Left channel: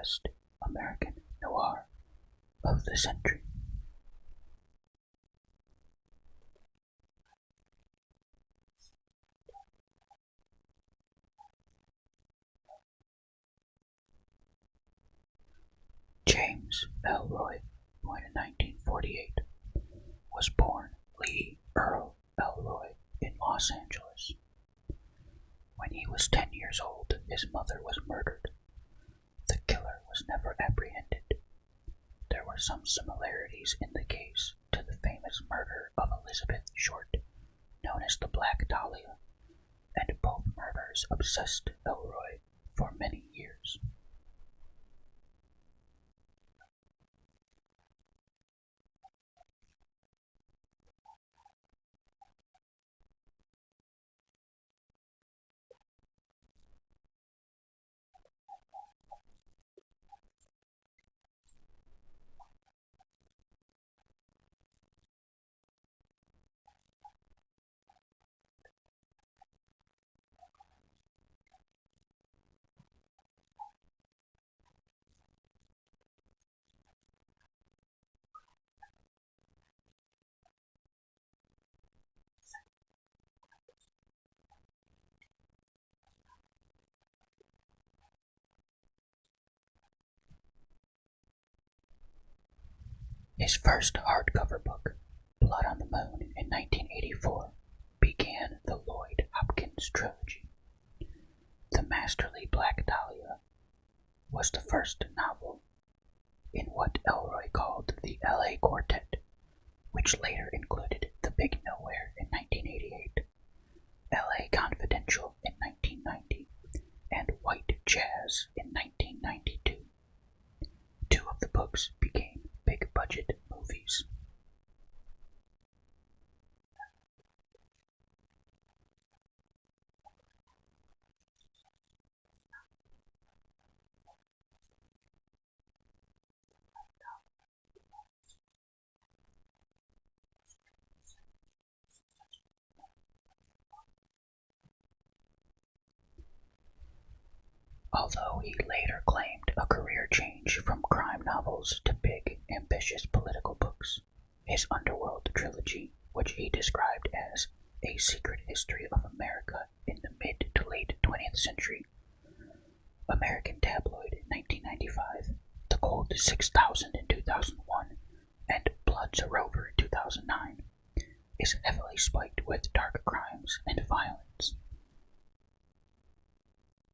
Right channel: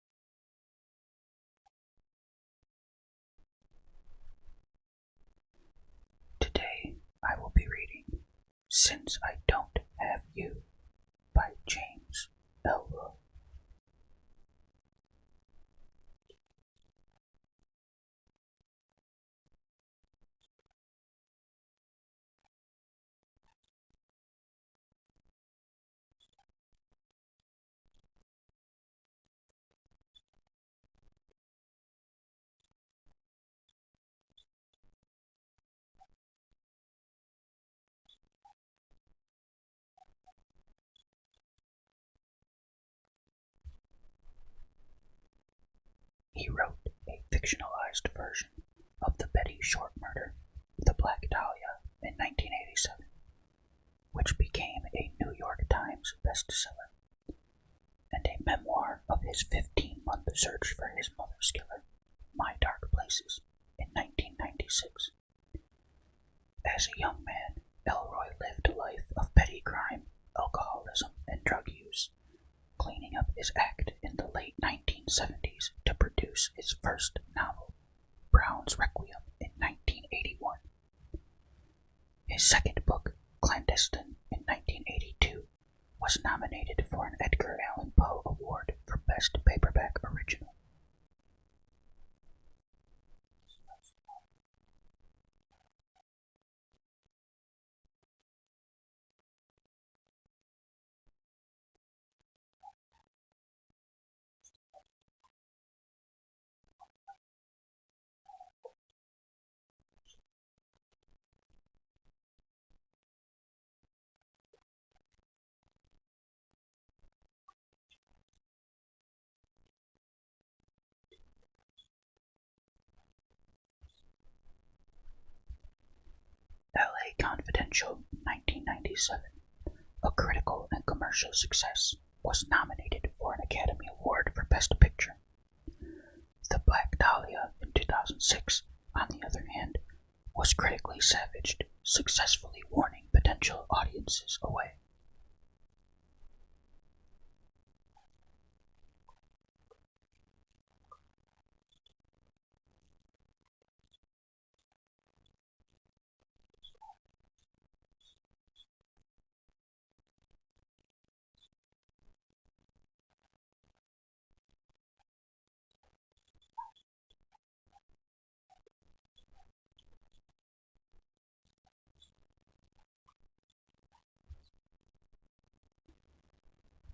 best American Noir of the century. Today I will be reading Since I Don't Have You by James Elroy. James Elroy, born in 1948, was born Lee Earl Elroy in Los Angeles. When he was 10 years old, his mother was murdered. The killer was never apprehended. There were some similarities in the case to the famous murder of Elizabeth Short, known as the Black Dahlia, and both murders obsessed Elroy for many years. He wrote a fictionalized version of the Betty Short murder, the Black Dahlia, in 1987, which became a New York Times bestseller, and a memoir of his 15-month search for his mother's killer, My Dark Places, in 1996. As a young man, Elroy lived a life of petty crime, alcoholism, and drug use, cleaning up his act in the late 1970s to produce his first novel, Brown's Requiem, in 1981. His second book, Clandestine, in 1982, was nominated for an Edgar Allan Poe Award for Best Paperback Original. His first hardcover book, Blood on the Moon, in 1984, began the Lloyd Hopkins trilogy. The masterly Black Dahlia was the first novel in what Elroy called the LA Quartet, which later included The Big Nowhere in 1988, LA Confidential in 1990, and White Jazz in 1992. Two of the books became big-budget movies. LA Confidential in 1997, a critical and commercial success, was nominated for an Academy Award for Best Picture. The Black Dahlia in 2006, on the other hand, was critically savaged, successfully warning potential audiences away. Although he later claimed a career change from crime novels to big, ambitious political books, his Underworld trilogy, which he described as a secret history of America in the mid to late 20th century, American Tabloid in 1995, The Cold 6000 in 2001, and Blood's a Rover in 2009, is heavily spiked with dark crimes and violence.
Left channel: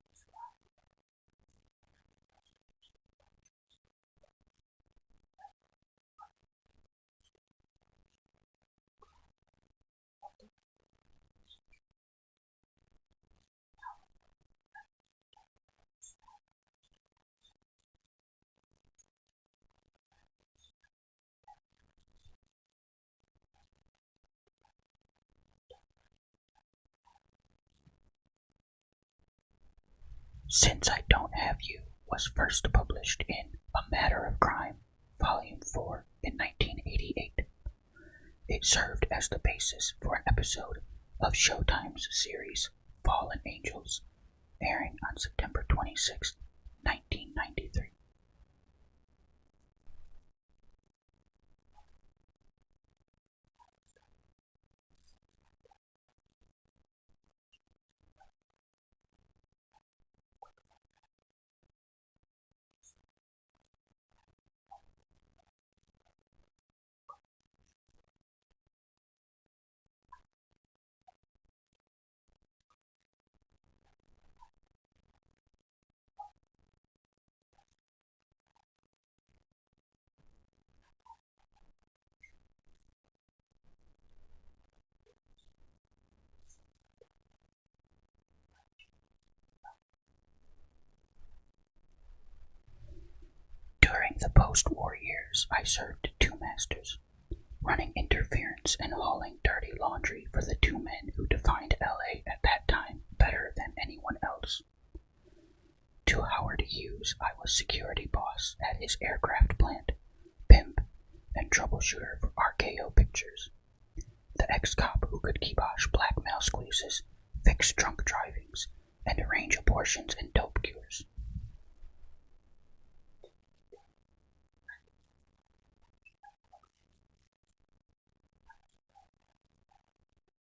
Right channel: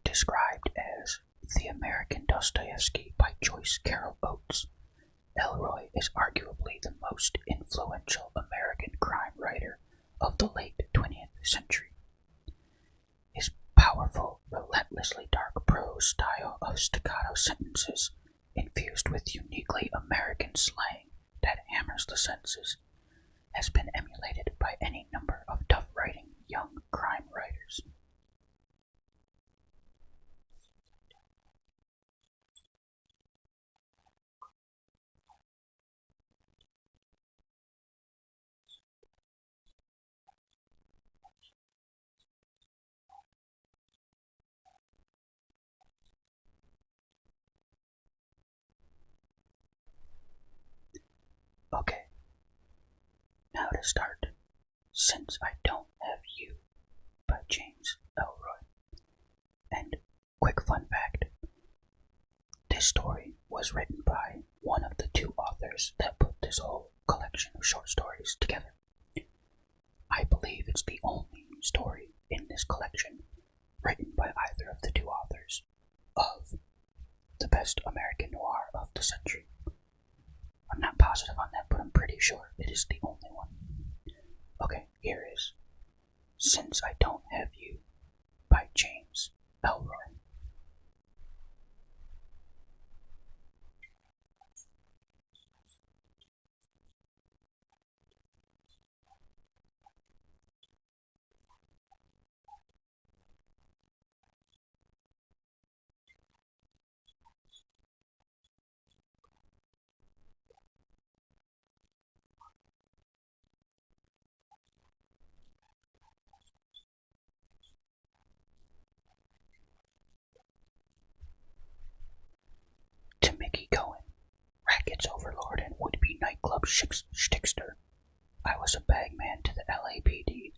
Described as the American Dostoevsky by Joyce Carol Oates, Elroy is arguably the most influential American crime writer of the late 20th century. His powerful, relentlessly dark prose style of staccato sentences, infused with uniquely American slang that hammers the senses, has been emulated by any number of tough-writing young crime writers. Since I Don't Have You was first published in A Matter of Crime, Volume 4, in 1988. It served as the basis for an episode of Showtime's series Fallen Angels, airing on September 26, 1993. Okay, now to start Since I Don't Have You by James Elroy. And quick fun fact, this story was written by one of the two authors that put this whole collection of short stories together. I believe it's the only story in this collection written by either of the two authors of the best American noir of the century. I'm not positive on that, but I'm pretty sure it is the only one. Okay, here is Since I Don't Have You by James Elroy. During the post-war years, I served two masters, running interference and hauling dirty laundry for the two men who defined LA at that time better than anyone else. To Howard Hughes, I was security boss at his aircraft plant, pimp, and troubleshooter for RKO Pictures, the ex-cop who could kibosh blackmail squeezes, fix drunk drivings, and arrange abortions and dope cures. shtickster. I was a bagman to the LAPD,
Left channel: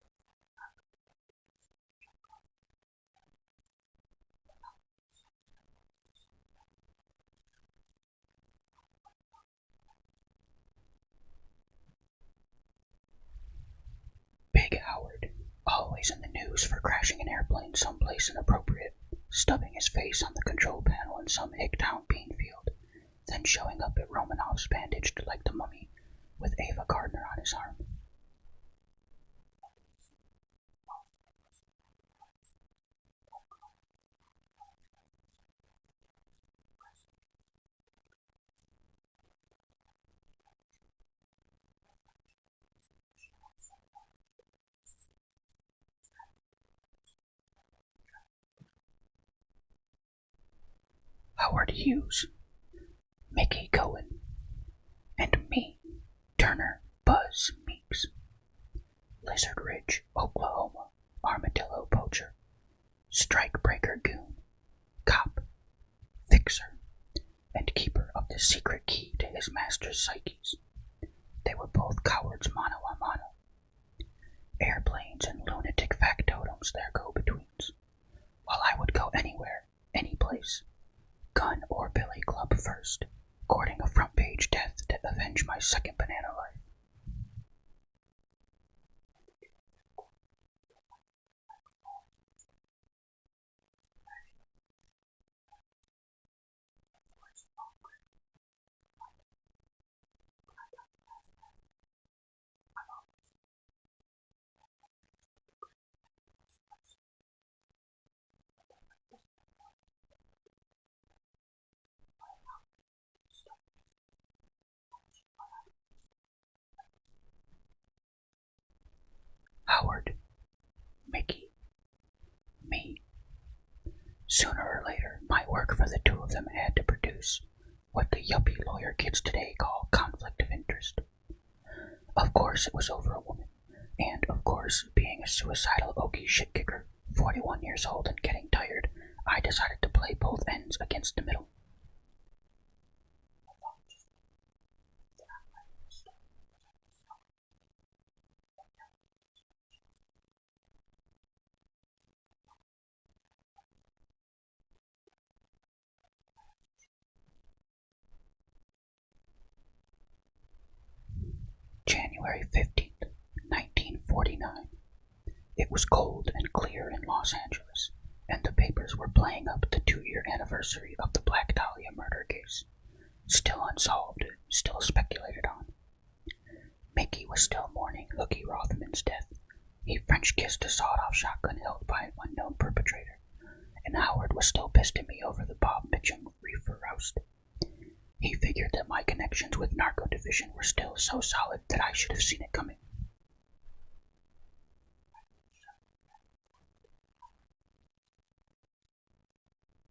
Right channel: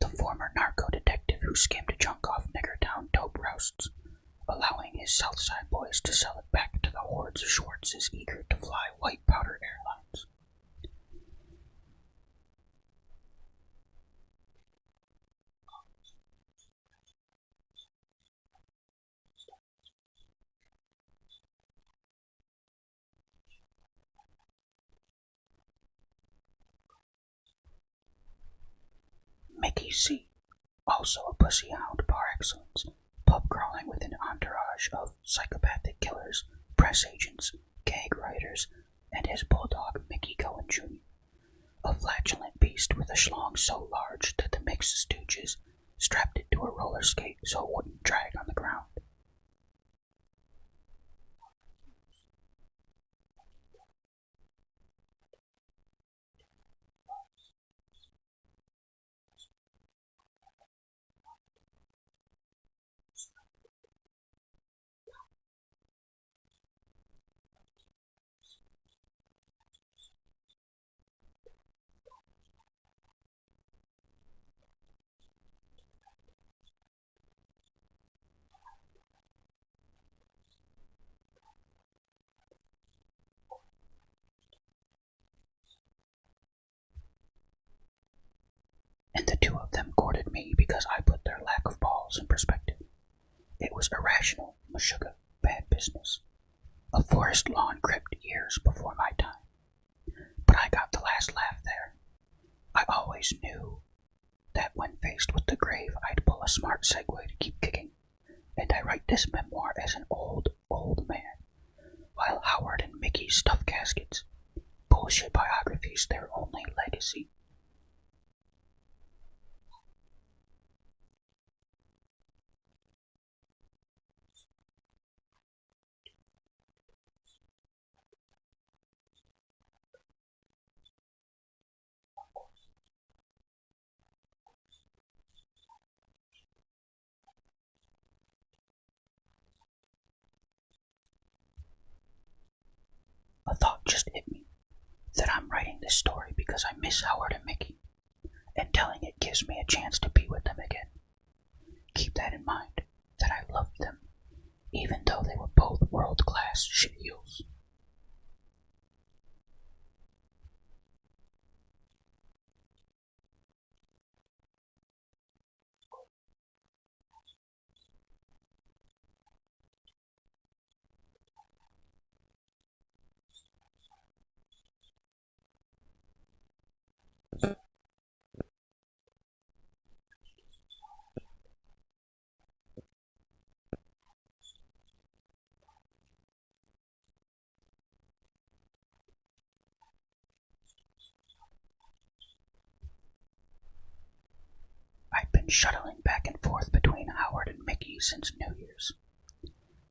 the former narco detective who skimmed junk off Niggertown dope roasts, allowing his Southside boys to sell it back to the hordes of Schwartz's eager to fly white powder airlines. Big Howard, always in the news for crashing an airplane someplace inappropriate, stubbing his face on the control panel in some Hicktown bean field, then showing up at Romanov's bandaged like the mummy, with Ava Gardner on his arm. Mickey C., also a pussy hound par excellence, pub crawling with an entourage of psychopathic killers, press agents, gag writers, and his bulldog Mickey Cohen Jr., a flatulent beast with a schlong so large that the mixed stooges strapped it to a roller skate so it wouldn't drag on the ground. Howard Hughes, Mickey Cohen, and me, Turner Buzz Meeks. Lizard Ridge, Oklahoma, armadillo poacher, strike-breaker goon, cop, fixer, and keeper of the secret key to his master's psyches. They were both cowards mano a mano. Airplanes and lunatic factotums their go-betweens, while I would go anywhere, any place, gun or billy club first, courting a front-page death to avenge my second banana life. And the two of them courted me because I put their lack of balls in perspective. It was irrational, meshuggah, bad business. A forest lawn crypt years before my time. But I got the last laugh there. I always knew that when faced with the grave, I'd pull a smart segue to keep kicking, and I write this memoir as an old man, while Howard and Mickey stuff caskets. Bullshit biographies, their only legacy. Howard, Mickey, me. Sooner or later, my work for the two of them had to produce what the yuppie lawyer kids today call conflict of interest. Of course it was over a woman, and of course, being a suicidal Okie shit kicker, 41 years old and getting tired, I decided to play both ends against the middle. A thought just hit me, that I'm writing this story because I miss Howard and Mickey, and telling it gives me a chance to be with them again. Keep that in mind, that I loved them, even though they were both world-class shitheels. January 15th, 1949. It was cold and clear in Los Angeles, and the papers were playing up the 2-year anniversary of the Black Dahlia murder case. Still unsolved, still speculated on. Mickey was still mourning Hookie Rothman's death. He French-kissed a sawed-off shotgun held by an unknown perpetrator, and Howard was still pissed at me over the Bob Mitchum reefer roast. He figured that my connections with Narco Division were still so solid that I should have seen it coming. I'd been shuttling back and forth between Howard and Mickey since New Year's.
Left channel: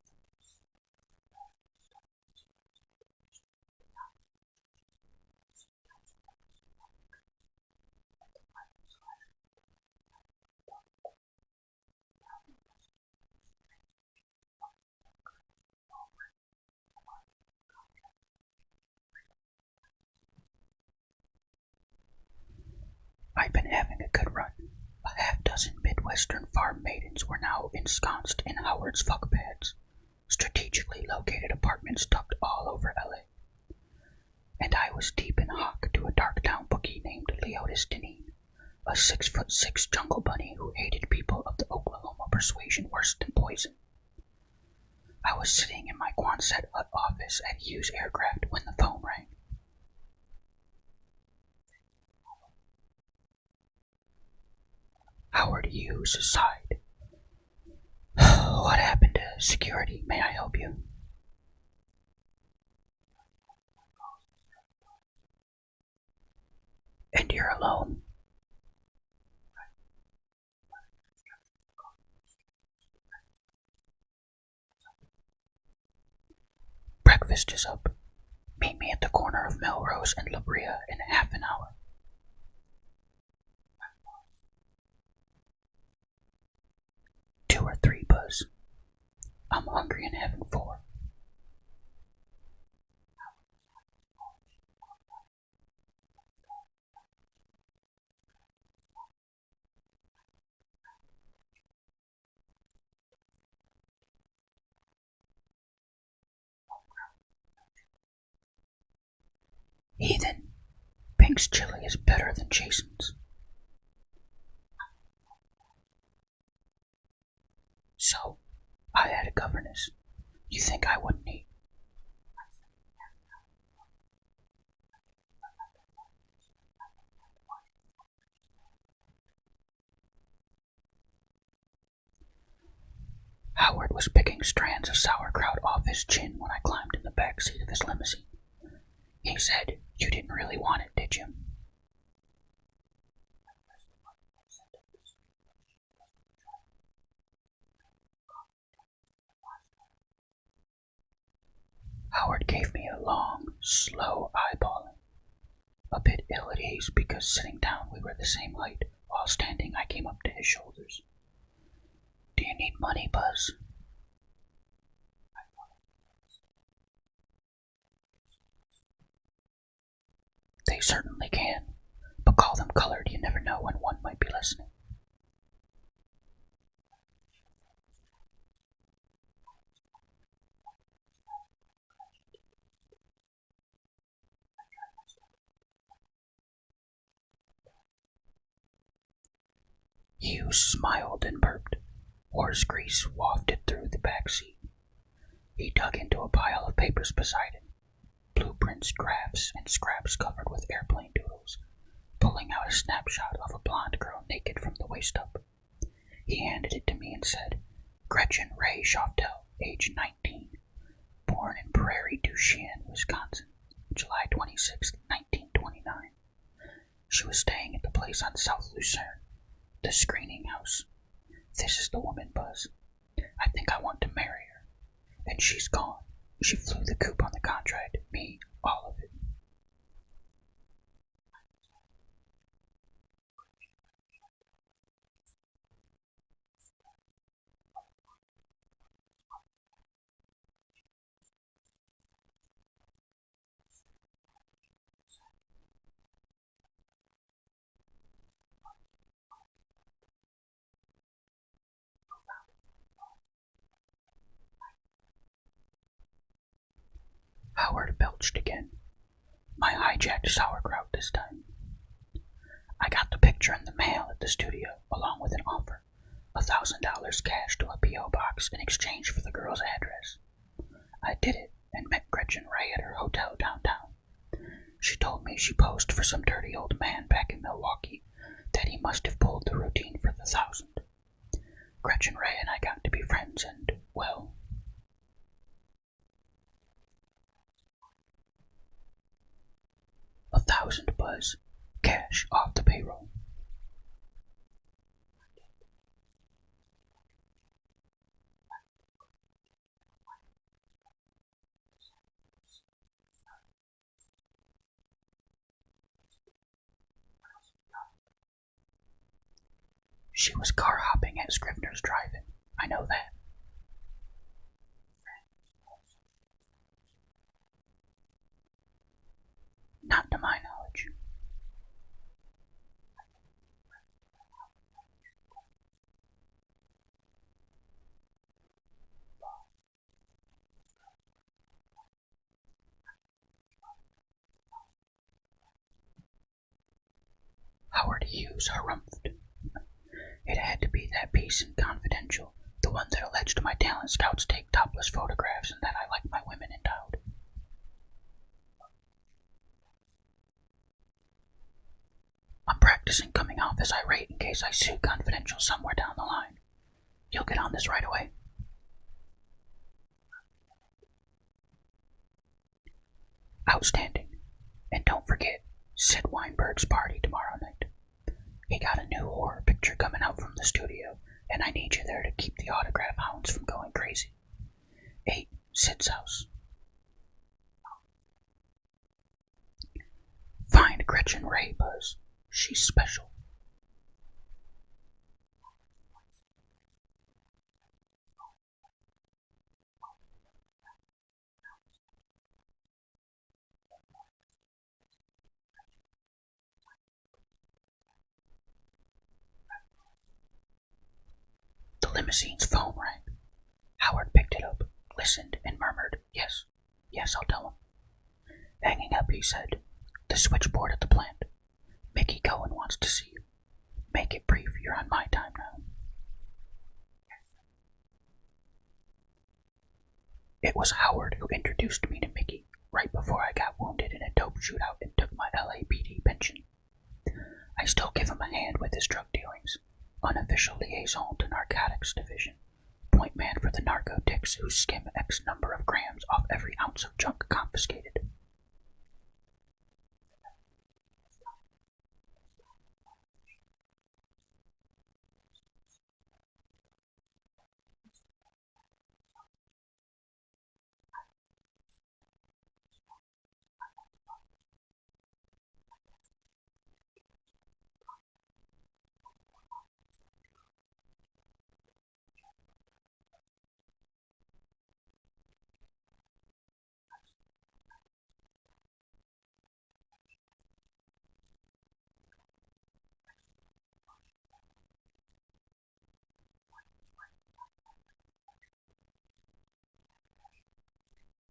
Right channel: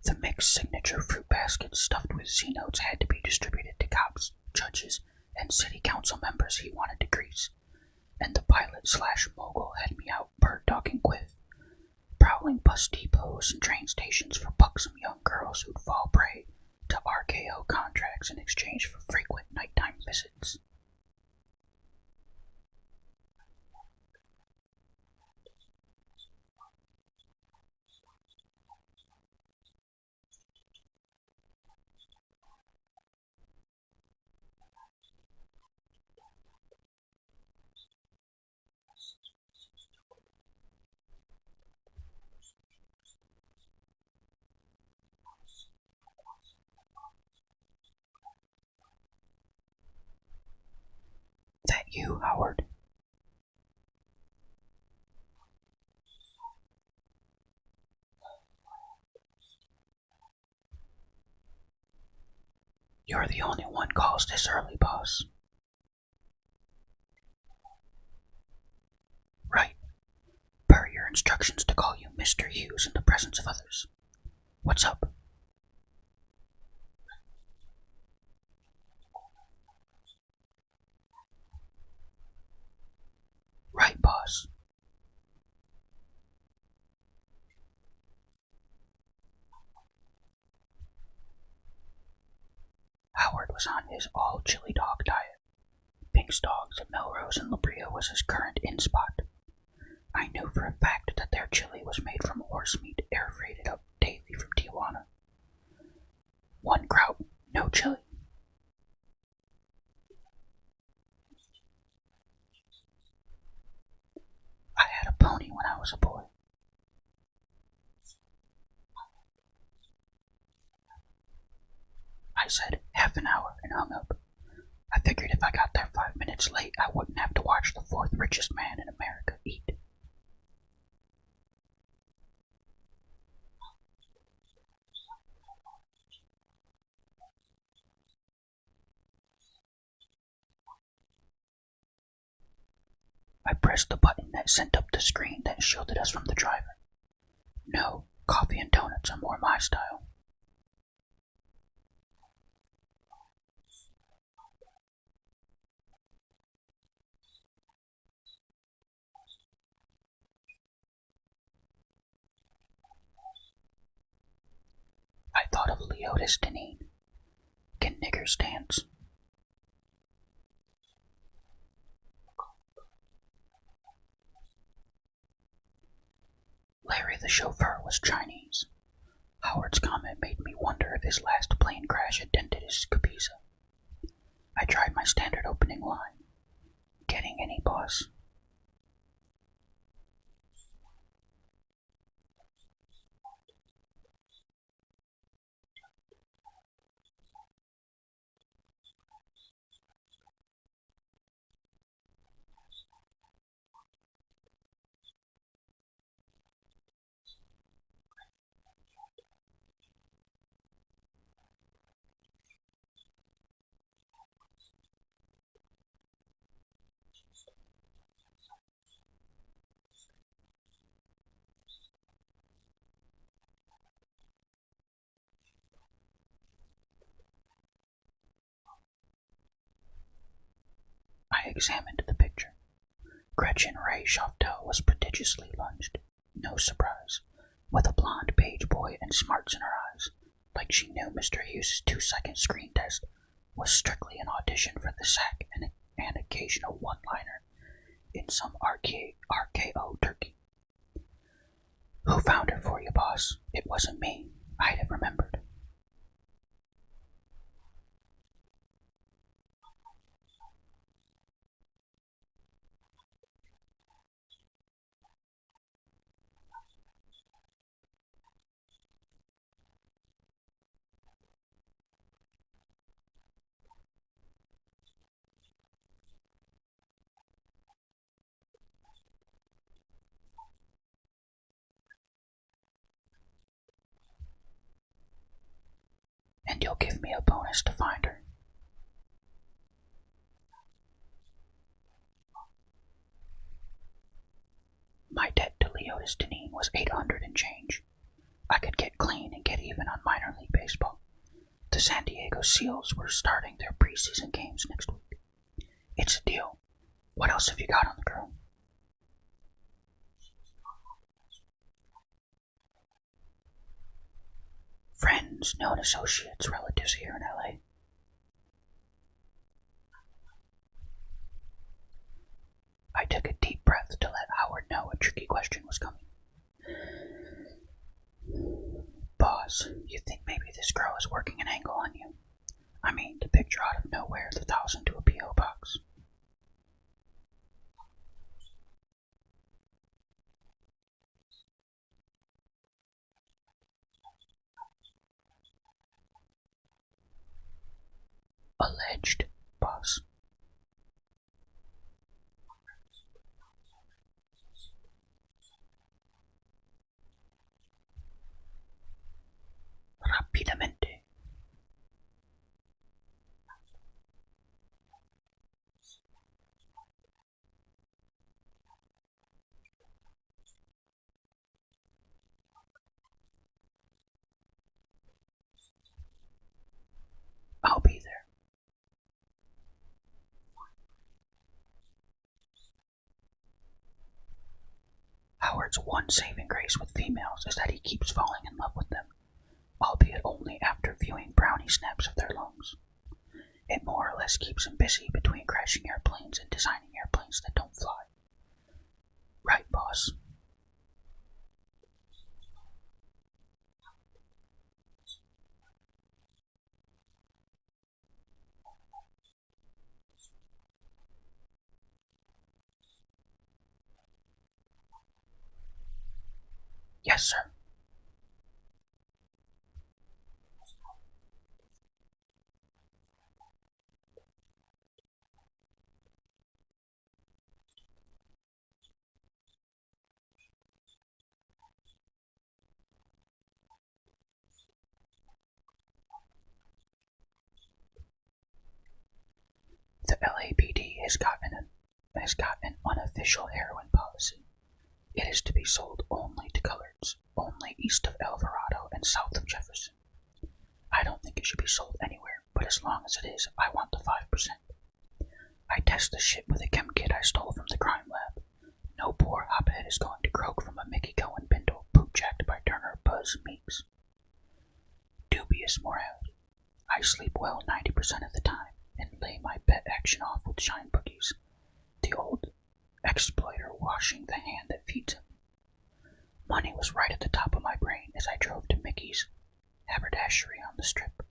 The mixed signature fruit baskets stuffed with C-notes had to be distributed to cops, judges, and city council members he wanted to grease, and the pilot/mogul had me out bird-dogging Quiff, prowling bus depots and train stations for buxom young girls who'd fall prey to RKO contracts in exchange for frequent nighttime visits. I'd been having a good run. A half-dozen Midwestern farm maidens were now ensconced in Howard's fuck pads, strategically located apartments tucked all over LA. And I was deep in hock to a dark-town bookie named Leotis Deneen, a 6'6" jungle bunny who hated people of the Oklahoma persuasion worse than poison. I was sitting in my Quonset hut office at Hughes Aircraft when the phone rang. That you, Howard? Howard Hughes sighed. What happened to security? May I help you? You're the only one calls this early, boss. And you're alone? Right. Per your instructions to call you Mr. Hughes in the presence of others. What's up? Breakfast is up. Meet me at the corner of Melrose and La Brea in half an hour. Right, boss. 2 or 3, Buzz. I'm hungry and having 4. Howard was on his all-chili dog diet, Mike's dogs at Melrose and La Brea was his current in-spot. I knew for a fact that their chili was made from horse meat air freighted up daily from Tijuana. One kraut, no chili. Heathen, Pink's chili is better than Jason's. I had a pony when I was a boy. So, I had a governess. You think I wouldn't eat? I said half an hour and hung up. I figured if I got there 5 minutes late, I wouldn't have to watch the fourth richest man in America eat. Howard was picking strands of sauerkraut off his chin when I climbed in the back seat of his limousine. He said, "You didn't really want it, did you?" I pressed the button that sent up the screen that shielded us from the driver. No, coffee and donuts are more my style. Howard gave me a long, slow eyeballing. A bit ill at ease because sitting down we were the same height, while standing I came up to his shoulders. Do you need money, Buzz? I thought of Leotis Deneen. Can niggers dance? They certainly can, but call them colored, you never know when one might be listening. Larry the chauffeur was Chinese. Howard's comment made me wonder if his last plane crash had dented his Capiza. I tried my standard opening line. Getting any, boss? Hughes smiled and burped. Horse grease wafted through the back seat. He dug into a pile of papers beside him. Blueprints, graphs, and scraps covered with airplane doodles, pulling out a snapshot of a blonde girl naked from the waist up. He handed it to me and said, Gretchen Ray Chauvel, age 19, born in Prairie du Chien, Wisconsin, July 26, 1929. She was staying at the place on South Lucerne, the screening house. This is the woman, Buzz. I think I want to marry her. And she's gone. She flew the coop on the contract. Me, all of it. I examined the picture. Gretchen Ray Chauvel was prodigiously lunged. No surprise. With a blonde page boy and smarts in her eyes. Like she knew Mr. Hughes' 2-second screen test was strictly an audition for the sack and an occasional one-liner in some RKO turkey. Who found her for you, boss? It wasn't me. I'd have remembered. Howard belched again. My hijacked sauerkraut this time. I got the picture in the mail at the studio, along with an offer. $1,000 cash to a P.O. box in exchange for the girl's address. I did it and met Gretchen Ray at her hotel downtown. She told me she posed for some dirty old man back in Milwaukee, that he must have pulled the routine for the 1,000. Gretchen Ray and I got to be friends and, well... And you'll give me a bonus to find her. 1,000, Buzz. Cash off the payroll. My debt to Leotis Deneen was 800 and change. I could get clean and get even on minor league baseball. The San Diego Seals were starting their preseason games next week. It's a deal. What else have you got on the girl? She was car hopping at Scrivener's Drive-In. I know that. Friends, known associates, relatives here in L.A. Not to my knowledge. I took a deep breath to let Howard know a tricky question was coming. Boss, you think maybe this girl is working an angle on you? I mean, the picture out of nowhere, the 1,000 to a P.O. box. Howard Hughes harumphed. It had to be that piece in Confidential, the one that alleged my talent scouts take topless photographs and that I like my women endowed. Alleged, boss. I'm practicing coming off as irate in case I sue Confidential somewhere down the line. You'll get on this right away. Rapidamente. Outstanding. And don't forget, Sid Weinberg's party tomorrow night. He got a new horror picture coming out from the studio, and I need you there to keep the autograph hounds from going crazy. 8, Sid's house. I'll be there. Find Gretchen Ray, Buzz. She's special. Howard's one saving grace with females is that he keeps falling in love with them, albeit only after viewing brownie snaps of their lungs. It more or less keeps him busy between crashing airplanes and designing airplanes that don't fly. Right, boss. The limousine's phone rang. Howard picked it up, listened, and murmured, "Yes, yes, I'll tell him." Hanging up, he said, "The switchboard at the plant. Mickey Cohen wants to see you. Make it brief, you're on my time now." "Yes, sir." It was Howard who introduced me to Mickey right before I got wounded in a dope shootout and took my LAPD pension. I still give him a hand with his drug dealings. Unofficial liaison to narcotics division. Point man for the narcotics who skim X number of grams off every ounce of junk confiscated. The LAPD has got an unofficial heroin policy. It is to be sold only to coloreds, only east of Alvarado and south of Jefferson. I don't think it should be sold anywhere, but as long as it is, I want the 5%. I test the shit with a chem kit I stole from the crime lab. No poor hophead is going to croak from a Mickey Cohen bindle boot-jacked by Turner Buzz Meeks. Dubious morality. I sleep well 90% of the time and lay my pet action off with shine boogies, the old exploiter washing the hand that feeds him. Money was right at the top of my brain as I drove to Mickey's haberdashery on the strip.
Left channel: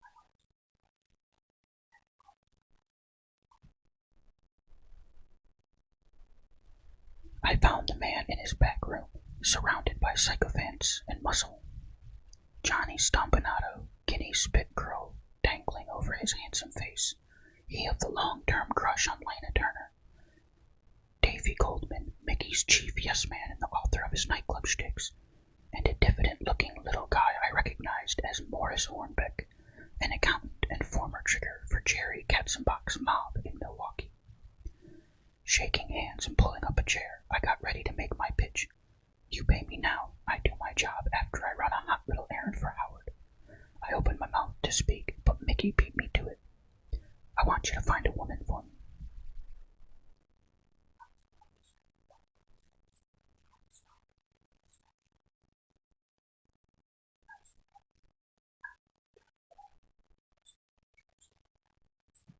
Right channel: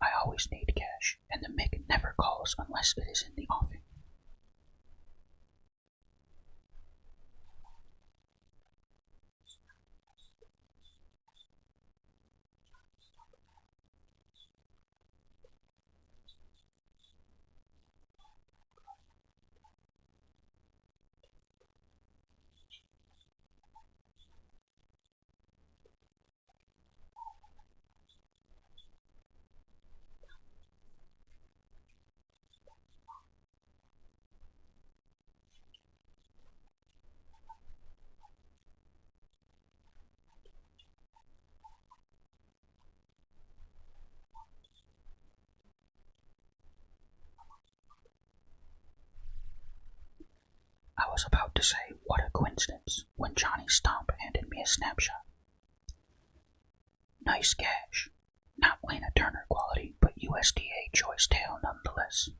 I always need cash, and the Mick never calls unless it is in the offing. I found the man in his back room, surrounded by sycophants and muscle. Johnny Stompanato, guinea spit curl dangling over his handsome face, he of the long-term crush on Lena Turner. Davy Goldman, Mickey's chief yes-man and the author of his nightclub shticks, and a diffident-looking little guy I recognized as Morris Hornbeck, an accountant and former trigger for Jerry Katzenbach's mob in Milwaukee. Shaking hands and pulling up a chair, I got ready to make my pitch. "You pay me now, I do my job after I run a hot little errand for Howard." I opened my mouth to speak, but Mickey beat me to it. "I want you to find a woman for me." I was about to say, "What a coincidence," when Johnny Stomp handed me a snapshot. Nice cash. Not Lena Turner quality, but USDA choice tail nonetheless.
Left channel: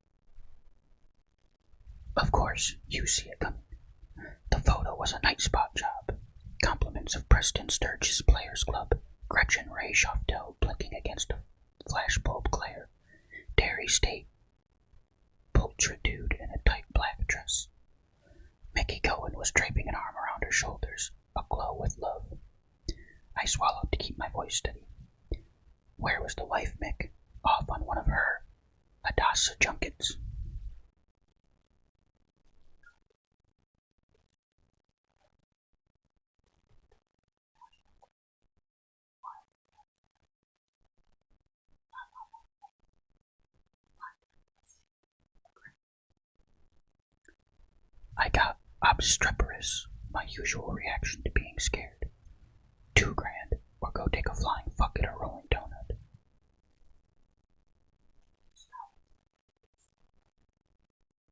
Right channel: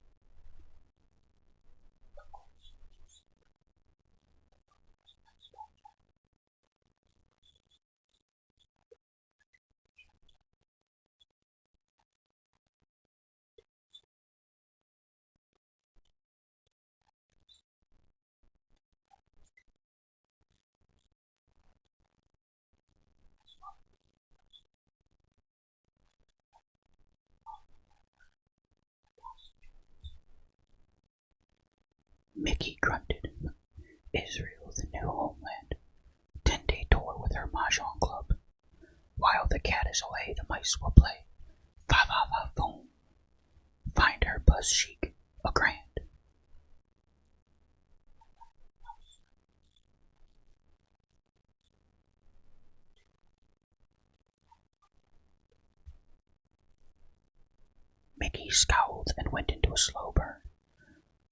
Of course, you see it coming. The photo was a night spot job. Compliments of Preston Sturgis Players Club, Gretchen Ray Schoftel blinking against a flashbulb glare, Dairy State, Pultra dude in a tight black dress. Mickey Cohen was draping an arm around her shoulders, aglow with love. I swallowed to keep my voice steady. Where was the wife, Mick? Off on one of her Hadassah junkets. Mickey grunted. Israel, the new homeland. 10-day tour with her mahjong club. While the cat is away, the mice will play. Fa-va-va-boom. Find her buzz chic, $1,000. I got obstreperous, my usual reaction to being scared. $2,000, or go take a flying fuck at a rolling donut. Mickey scowled and went into a slow burn.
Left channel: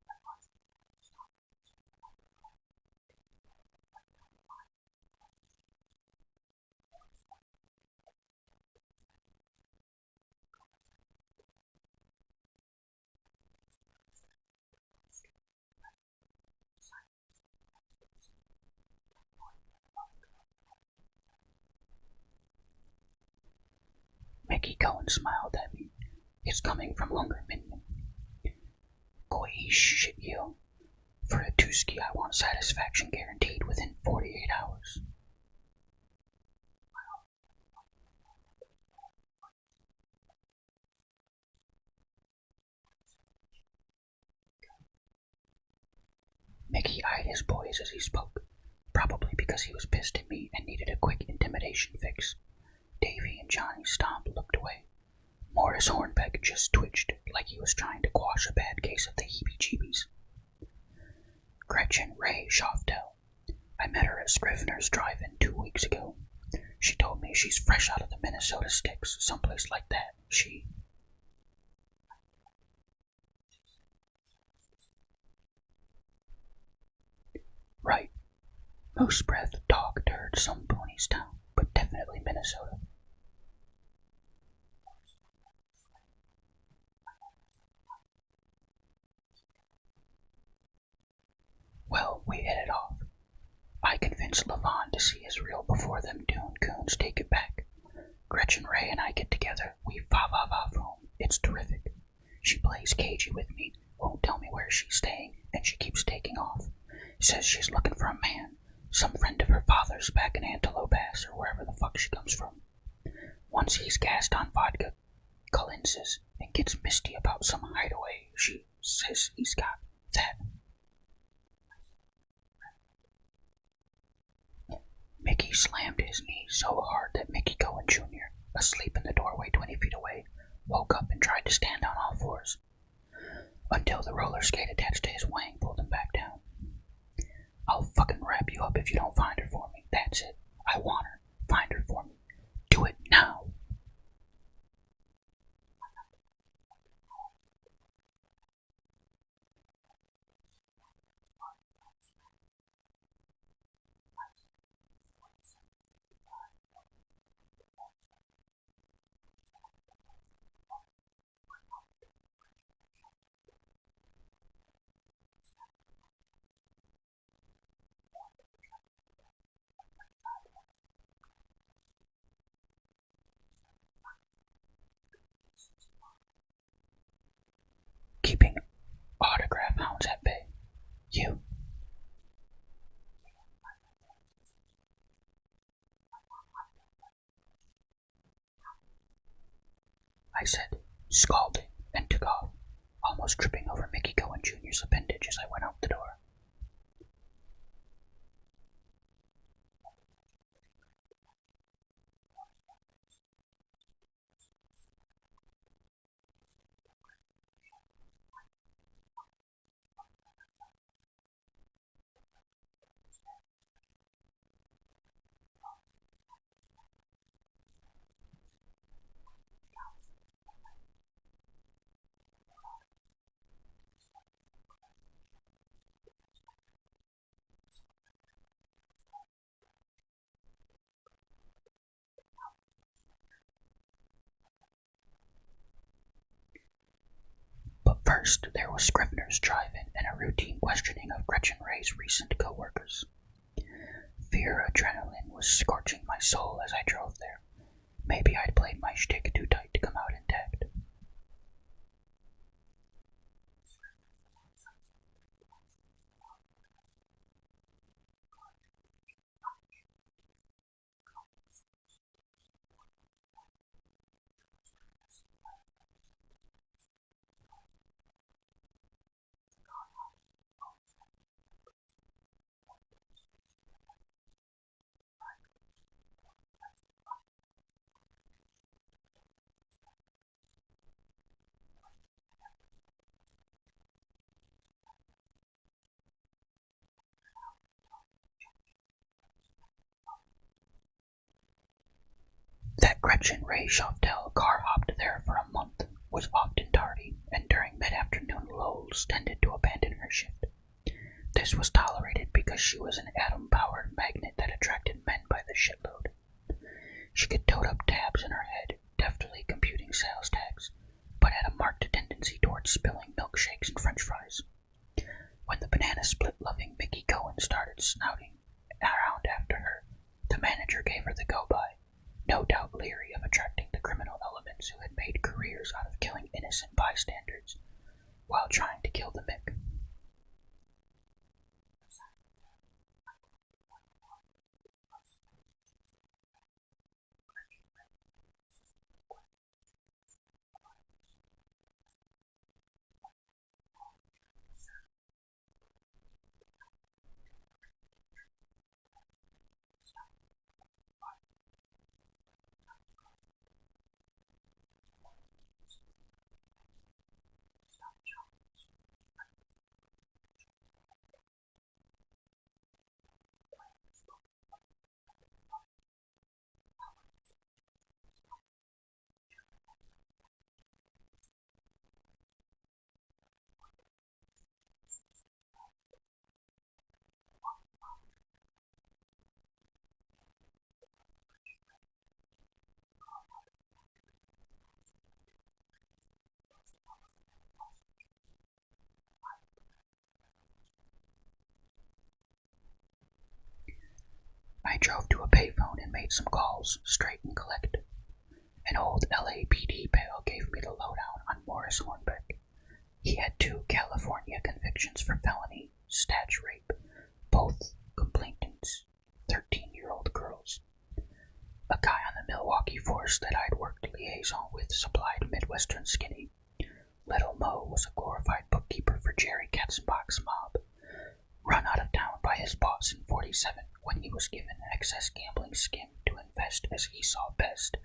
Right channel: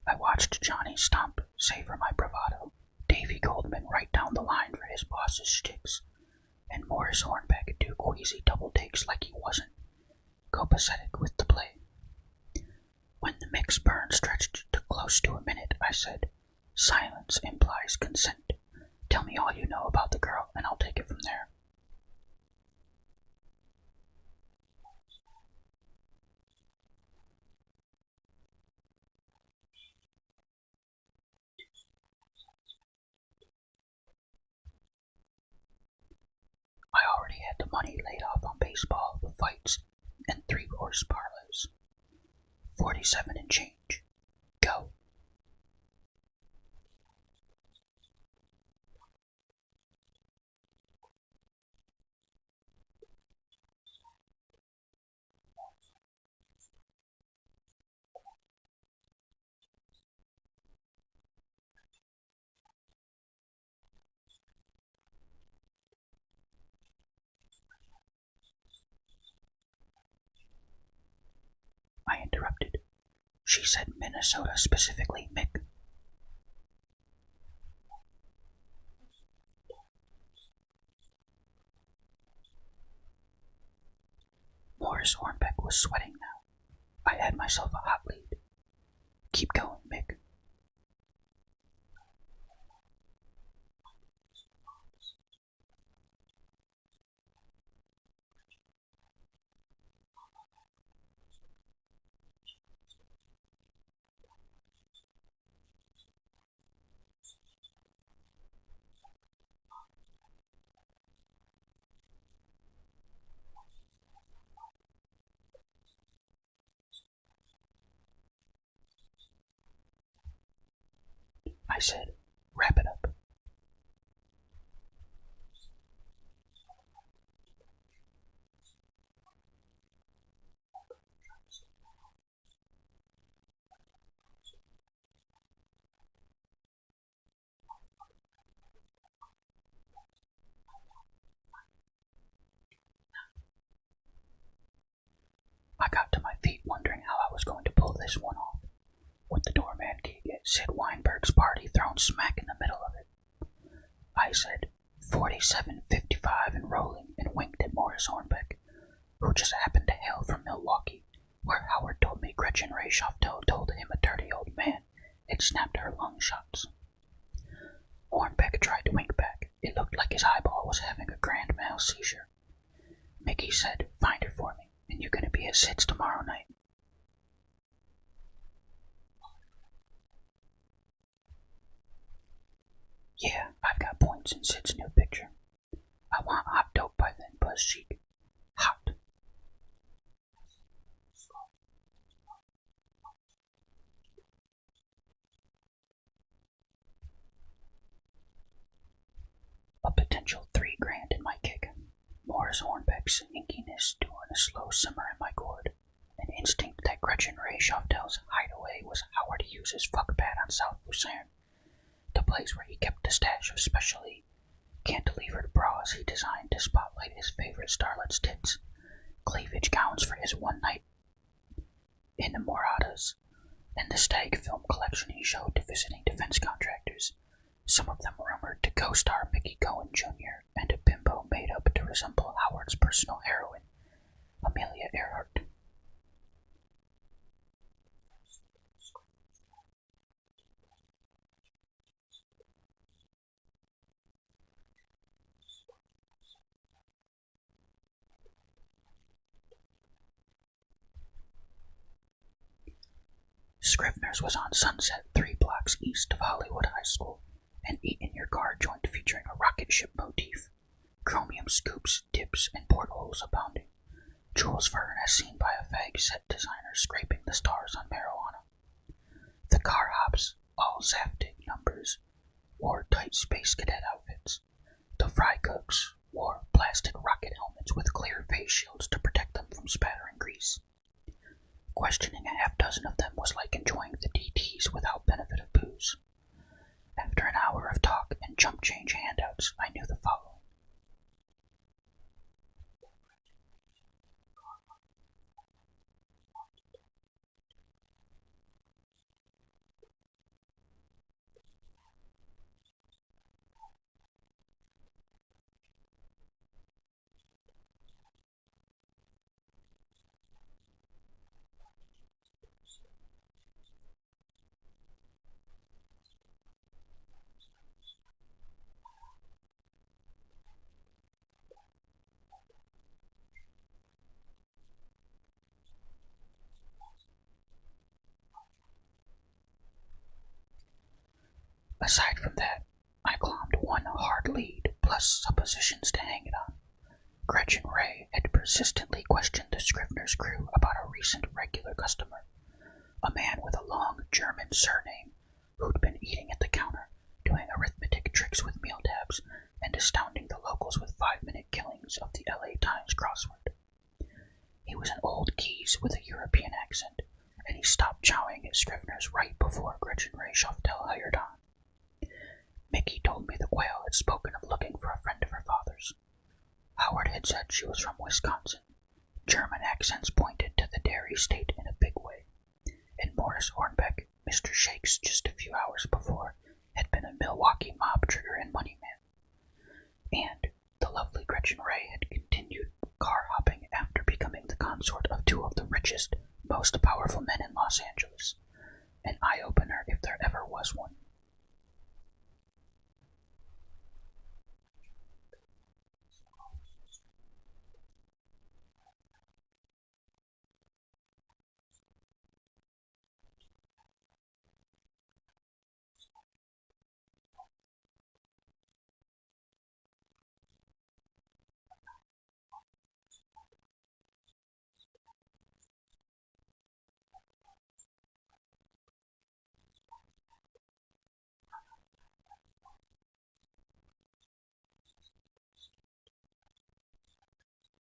I watched Johnny Stomp savor my bravado, Davy Goldman write down the line for his boss's shticks, and Morris Hornbeck do queasy double takes like he wasn't copacetic with the play. When the mix burn stretched to close to a minute, I said, "Silence implies consent. Tell me all you know about the girl, and I'll take it from there." Mickey Cohen smiled at me. It's coming from Hunger Minion. Koi shit you. For a Tuski, I want satisfaction guaranteed within 48 hours. I already had the money laid off on baseball, the fights, and 3-horse parlays. 47 and change. Go. Mickey eyed his boys as he spoke, probably because he was pissed at me and needed a quick intimidation fix. Davy and Johnny Stomp looked away. Morris Hornbeck just twitched like he was trying to quash a bad case of the heebie-jeebies. Gretchen Ray Schoftel. I met her at Scrivener's Drive-In 2 weeks ago. She told me she's fresh out of the Minnesota sticks, someplace like that. I interrupted. She said Minnesota specifically, Mick. Right. Moose breath, dog turd, some pony's town, but definitely Minnesota. Morris Hornbeck was sweating now. I had myself a hot lead. Keep going, Mick. Well, we hit it off. I convinced Levon to see his reel before them Dune coons take it back. Gretchen Ray and I get together. We va-va-va-voom. It's terrific. She plays cagey with me, won't tell me where she's staying, and she keeps taking off. Says she's looking for a man, some friend of her father's back in Antelope Pass or wherever the fuck she comes from. Once he's gassed on vodka, cleanses, and gets misty about some hideaway, she says he's got that. I said, wrap it up. Mickey slammed his knee so hard that Mickey Cohen Jr., asleep in the doorway 20 feet away, woke up and tried to stand on all fours, until the roller skate attached to his wang pulled him back down. I'll fucking wrap you up if you don't find her for me. That's it. I want her. Find her for me. Do it now. I got to my feet wondering how I was going to pull this one off. With the doorman gig at Sid Weinberg's party thrown smack in the middle of it. I said, 4755 and rolling, and winked at Morris Hornbeck, who just happened to hail from Milwaukee, where Howard told me Gretchen Ray Shoftel told him a dirty old man had snapped her lung shots. Hornbeck tried to wink back. It looked like his eyeball was having a grand mal seizure. Mickey said, find her for me, and you're going to be at Sid's tomorrow night. Keeping autograph hounds at bay. You? Yeah, I've got points in Sid's new picture. I want hot dope by then, Buzz Cheek. Hot. I said, scalding, and took off, almost tripping over Mickey Cohen Jr.'s appendage as I went out the door. A potential $3,000 in my kick. Morris Hornbeck's inkiness doing a slow simmer in my gourd. An instinct that Gretchen Ray Shoftel's hideaway was Howard Hughes's fuck pad on South Lucerne, the place where he kept a stash of specially cantilevered bras he designed to spotlight his favorite starlet's tits, cleavage gowns for his one night in the Moradas, and the stag film collection he showed to visiting defense contractors, some of them rumored to co-star Mickey Cohen Jr. and a bimbo made up to resemble Howard's personal heroine, Amelia Earhart. But first, there was Scrivener's drive-in and a routine questioning of Gretchen Ray's recent co-workers. Fear adrenaline was scorching my soul as I drove there. Maybe I'd played my shtick too tight to come out intact. Scrivener's was on Sunset, 3 blocks east of Hollywood High School, an eat-in-your-car joint featuring a rocket ship motif, chromium scoops, dips, and portholes abounding. Jules Verne as seen by a fag set designer scraping the stars on marijuana. The car hops, all Zaftig numbers, wore tight space cadet outfits. The fry cooks wore plastic rocket helmets with clear face shields to protect them from spattering grease. Questioning a half dozen of them was like enjoying the DTs without benefit of booze. After an hour of talk and jump change handouts, I knew the following. That Gretchen Ray Shoftel car hopped there for a month, was often tardy, and during mid-afternoon lulls tended to abandon her shift. This was tolerated because she was an atom-powered magnet that attracted men by the shitload. She could tote up tabs in her head, deftly computing sales tags, but had a marked tendency towards spilling milkshakes and french fries. When the banana split-loving Mickey Cohen started snouting around after her, the manager gave her the go-by, no doubt leery of attracting the criminal elements who had made careers out of killing innocent bystanders while trying to kill the Mick. Aside from that, I climbed one hard lead plus suppositions to hang it on. Gretchen Ray had persistently questioned the Scrivener's crew about a recent regular customer, a man with a long German surname who'd been eating at the counter, doing arithmetic tricks with meal tabs, and astounding the locals with 5-minute killings of the LA Times crossword. He was an old geese with a European accent, and he stopped chowing at Scrivener's right before Gretchen Ray Shoftel hired on. Mickey told me the quail had spoken of looking for a friend of her father's. Howard had said she was from Wisconsin. German accents pointed to the dairy state in a big way. And Morris Hornbeck, Mr. Shakes just a few hours before, had been a Milwaukee mob trigger and money man. And the lovely Gretchen Ray had continued car hopping after becoming the consort of 2 of the richest, most powerful men in Los Angeles. An eye-opener if there ever was one. I drove to a payphone and made some calls, straight and collect. An old LAPD pal gave me the lowdown on Morris Hornbeck. He had 2 California convictions for felony statch rape, both complainants, 13-year-old girls. A guy on the Milwaukee force that I'd worked liaison with supplied Midwestern skinny. Little Mo was a glorified bookkeeper for Jerry Katzenbach's mob, run out of town by his boss in 47 when he was given excess gambling skim to invest as he saw best,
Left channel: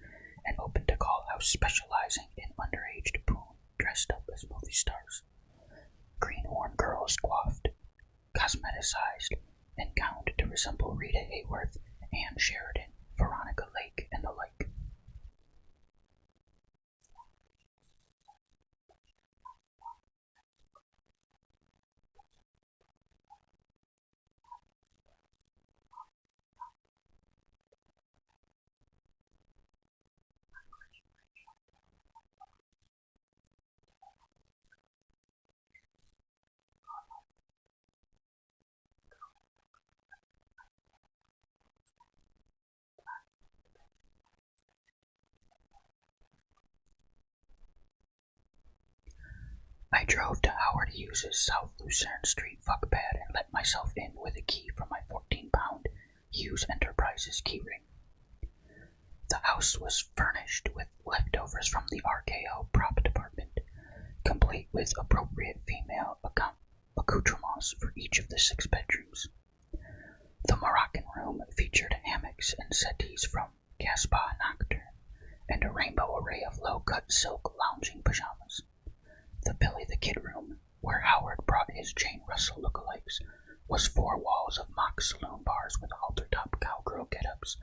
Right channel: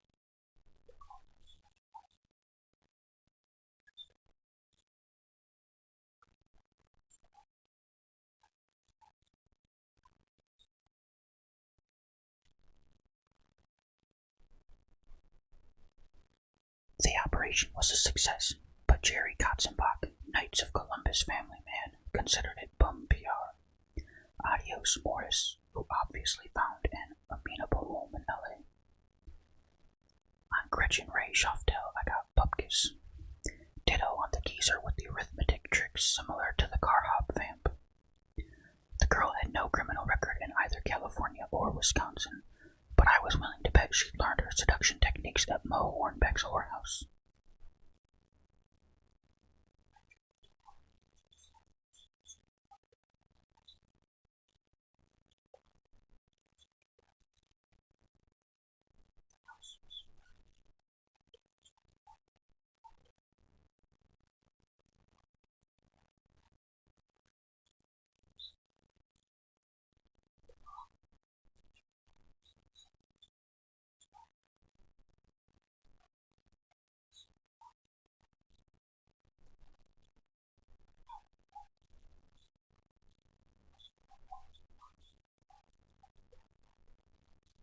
and opened a call house specializing in underage poon dressed up as movie stars. Greenhorn girls coiffed, cosmeticized, and gowned to resemble Rita Hayworth, Ann Sheridan, Veronica Lake, and the like. The operation was a success, but Jerry Katzenbach, Knights of Columbus family man, considered it bum PR. Adios, Morris, who obviously found an amenable home in LA. On Gretchen Ray Schoftel, I got Bupkis. Ditto on the geezer with the arithmetic tricks similar to the car hop vamp. The girl had no criminal record in either California or Wisconsin, but I was willing to bet she'd learned her seduction techniques at Mo Hornbeck's whorehouse. I drove to Howard Hughes's South Lucerne Street fuckpad and let myself in with a key from my 14-pound Hughes Enterprises keyring. The house was furnished with leftovers from the RKO prop department, complete with appropriate female accoutrements for each of the 6 bedrooms. The Moroccan room featured hammocks and settees from Gaspar Nocturne and a rainbow array of low-cut silk lounging pajamas. The Billy the Kid room, where Howard brought his Jane Russell lookalikes, was 4 walls of mock saloon bars with halter-top cowgirl get-ups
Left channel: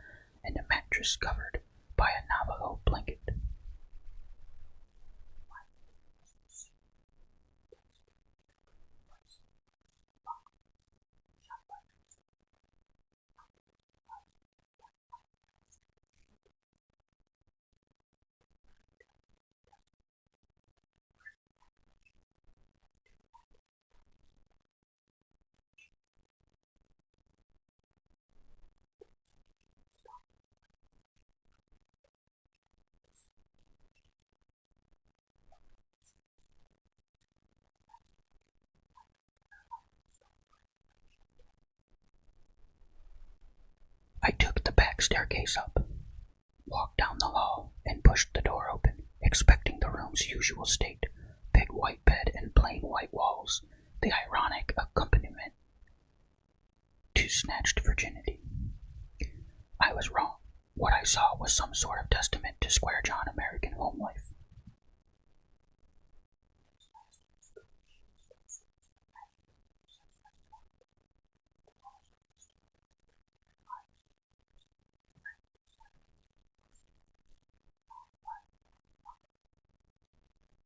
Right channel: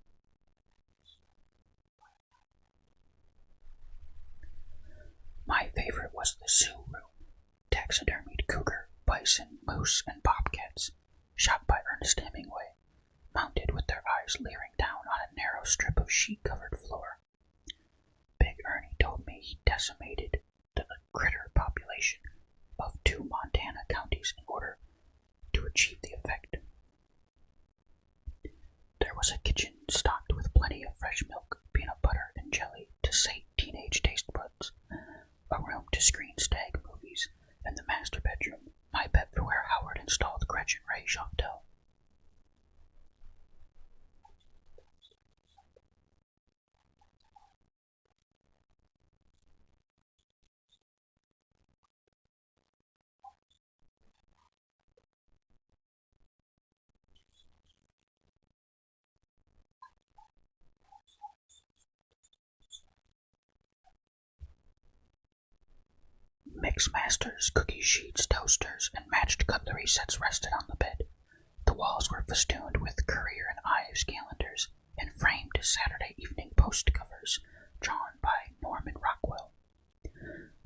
and a mattress covered by a Navajo blanket. My favorite was the zoo room, taxidermied cougar, bison, moose, and bobcats, shot by Ernest Hemingway, mounted with their eyes leering down on a narrow strip of sheet-covered floor. Big Ernie told me he decimated the critter population of 2 Montana counties in order to achieve the effect. There was a kitchen stocked with plenty of fresh milk, peanut butter, and jelly to sate teenage taste buds, a room to screen stag movies, and the master bedroom, my bet for where Howard installed Gretchen Ray Schoftel. I took the back staircase up, walked down the hall, and pushed the door open, expecting the room's usual state, big white bed and plain white walls, the ironic accompaniment to snatched virginity. I was wrong. What I saw was some sort of testament to Square John American home life. Mix masters, cookie sheets, toasters, and matched cutlery sets rested on the bed. The walls were festooned with Courier and Ives calendars and framed Saturday Evening Post covers drawn by Norman Rockwell.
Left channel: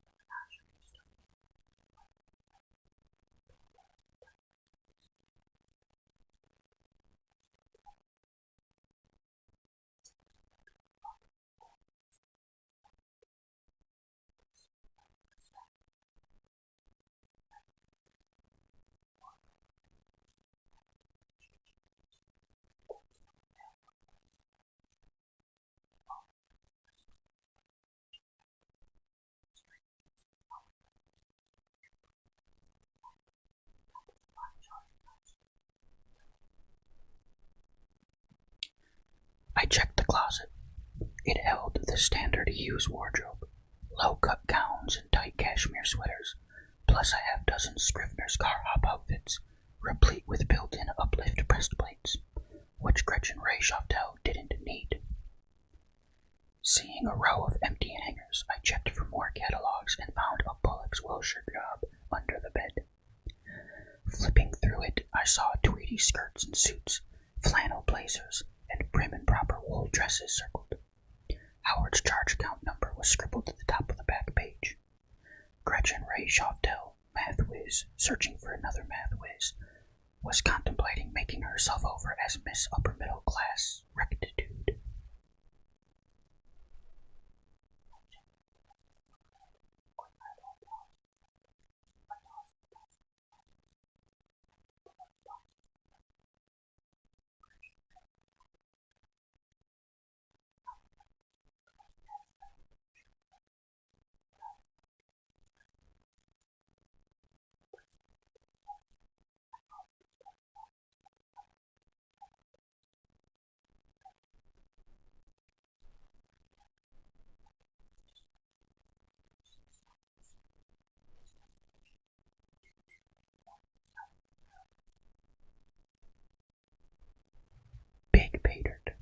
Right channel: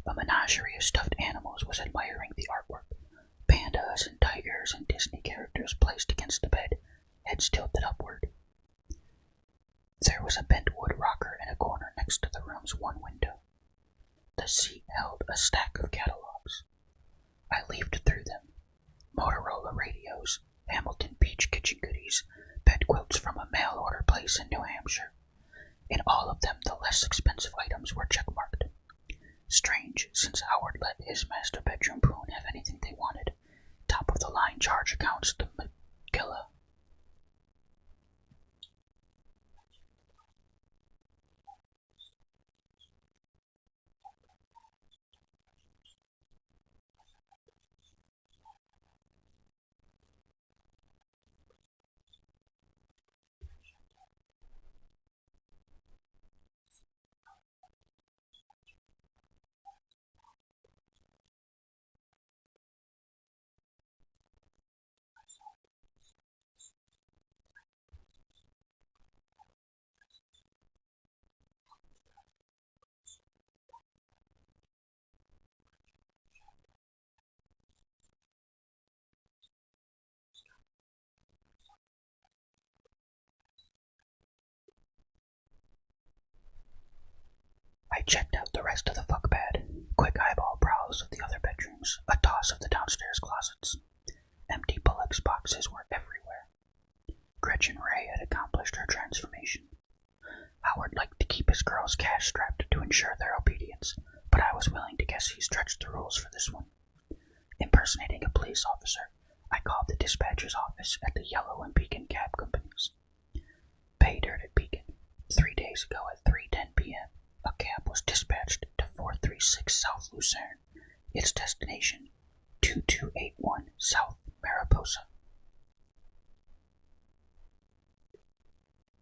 A menagerie of stuffed animals was admiring the artwork. Pandas and tigers and Disney characters placed against the bed, heads tilted upward. There was a bent wood rocker in a corner next to the room's one window. The seat held a stack of catalogs. I leafed through them. Motorola radios, Hamilton Beach kitchen goodies, bed quilts from a mail-order place in New Hampshire. In all of them, the less expensive items were checkmarked. Strange, since Howard let his master bedroom poon have anything they wanted. Top-of-the-line charge accounts, the Magilla. I checked the closet. It held the standard Hughes wardrobe, low-cut gowns and tight cashmere sweaters, plus a half-dozen Scrivener's car hop outfits, replete with built-in uplift breastplates, which Gretchen Ray Schoftel didn't need. Seeing a row of empty hangers, I checked for more catalogs and found a Bullock's Wilshire job under the bed. Flipping through it, I saw tweedy skirts and suits, flannel blazers, and prim and proper wool dresses circled. Howard's charge account number was scribbled at the top of the back page. Gretchen Ray Schoftel, math whiz, searching for another math whiz, was contemplating making herself over as Miss Upper Middle Class Rectitude. I checked out the rest of the fuck pad, quick eyeballing was willing to guess he stretched the rules for this one. Impersonating a police officer, I called the dispatcher's office at the Yellow and Beacon cab companies. Pay dirt at Beacon. 3 days ago at 3:10 p.m., a cab was dispatched to 436 South Lucerne, its destination 2281 South Mariposa. Big pay dirt.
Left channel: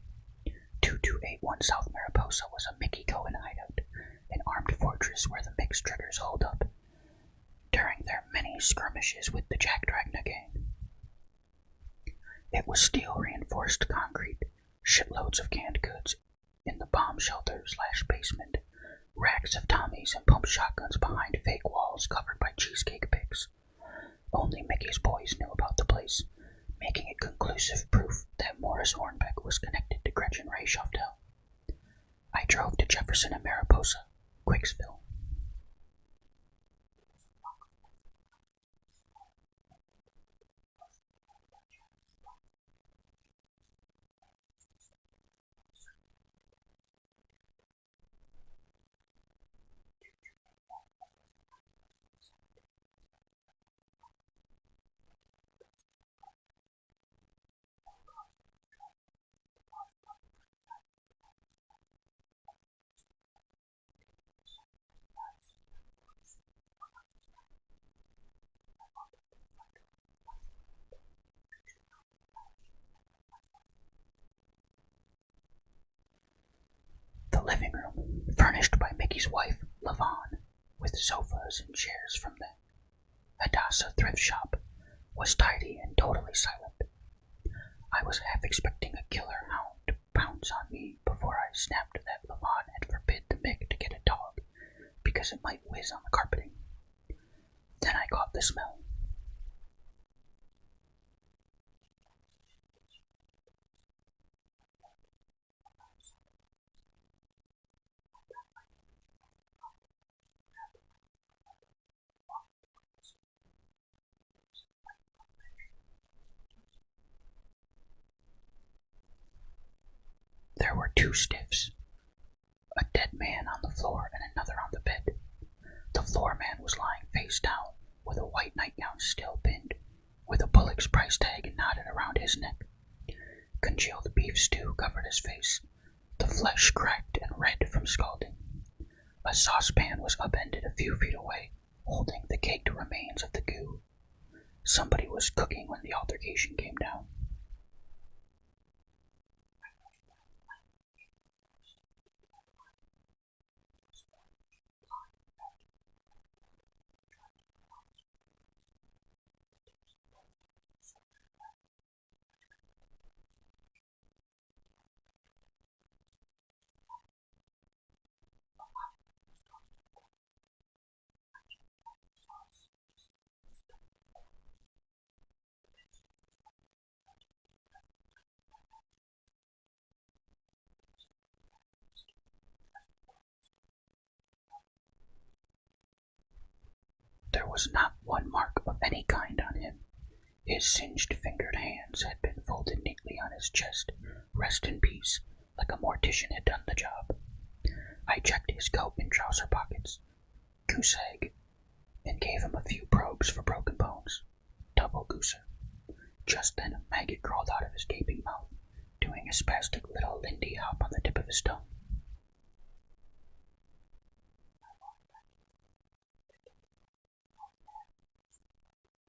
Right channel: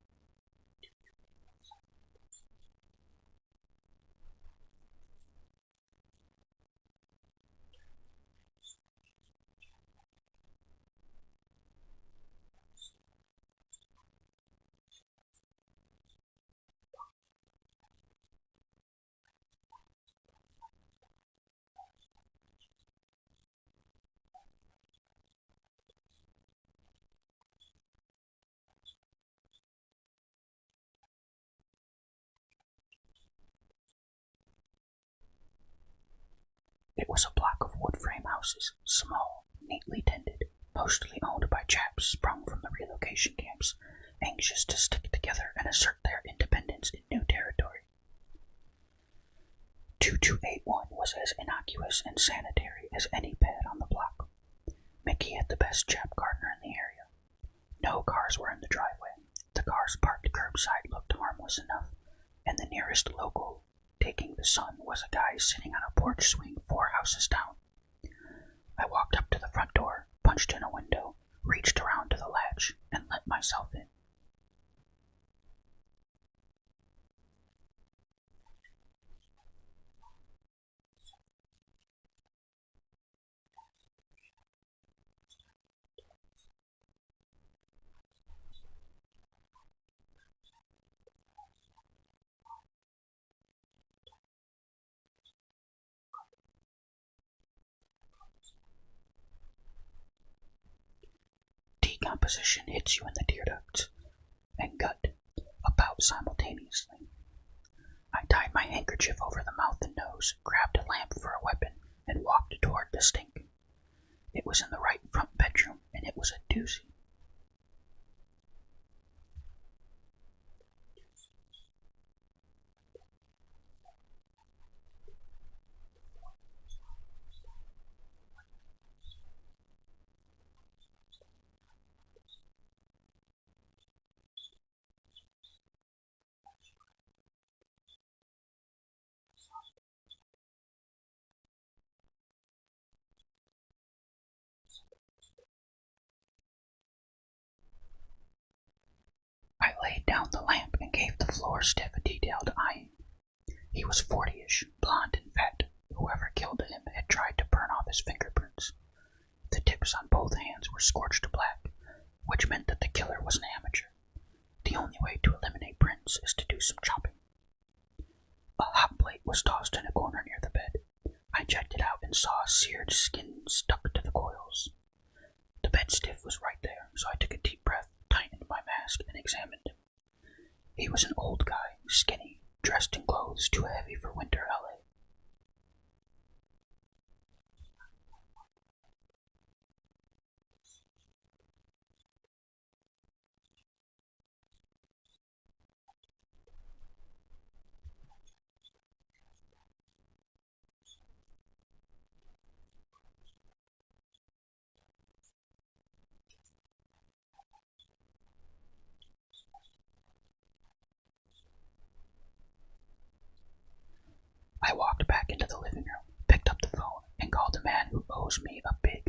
2281 South Mariposa was a Mickey Cohen hideout, an armed fortress where the mixed triggers holed up during their many skirmishes with the Jack Dragna gang. It was steel-reinforced concrete, shitloads of canned goods in the bomb shelter/basement, racks of Tommies and pump shotguns behind fake walls covered by cheesecake pigs. Only Mickey's boys knew about the place, making it conclusive proof that Morris Hornbeck was connected to Gretchen Ray Schoftel. I drove to Jefferson and Mariposa, Quicksville. It was a block of wood frame houses, small, neatly tended, mostly owned by chaps sprung from the relocation camps, anxious to stick together and assert their independence in new territory. 2281 was as innocuous and sanitary as any pad on the block. Mickey had the best chap gardener in the area. No cars were in the driveway. The cars parked curbside looked harmless enough, and the nearest local taking the sun was a guy sitting on a porch swing 4 houses down. I walked up to the front door, punched in a window, reached around to the latch, and let myself in. The living room, furnished by Mickey's wife, Lavon, with sofas and chairs from the Hadassah thrift shop, was tidy and totally silent. I was half expecting a killer hound to pounce on me before I snapped that Lavon had forbid the Mick to get a dog, because it might whiz on the carpeting. Then I caught the smell. Decomposition hits you in the tear ducts and gut about simultaneously. I tied my handkerchief over the mouth and nose, grabbed a lamp for a weapon, and walked toward the stink. It was in the right front bedroom, and it was a doozy. There were 2 stiffs, a dead man on the floor and another on the bed. The floor man was lying face down, with a white nightgown still pinned, with a Bullock's price tag knotted around his neck. Congealed beef stew covered his face, the flesh cracked and red from scalding. A saucepan was upended a few feet away, holding the caked remains of the goo. Somebody was cooking when the altercation came down. I laid down the lamp and gave the floor stiff a detailed eyeing. He was 40-ish, blond and fat. Whoever killed him had tried to burn off his fingerprints. The tips on both hands were scorched black, which meant that the killer was an amateur. The only way to eliminate prints is to do some chopping. A hot plate was tossed in a corner near the bed. I checked it out and saw seared skin stuck to the coils. The bed stiff was right there, so I took a deep breath, tightened my mask, and examined him. He was an old guy, skinny, dressed in clothes too heavy for winter LA. There was not one mark of any kind on him. His singed fingered hands had been folded neatly on his chest, rest in peace, like a mortician had done the job. I checked his coat and trouser pockets, goose egg, and gave him a few probes for broken bones. Double gooser. Just then a maggot crawled out of his gaping mouth, doing a spastic little Lindy hop on the tip of his tongue. I walked back into the living room, picked up the phone, and called a man who owes me a big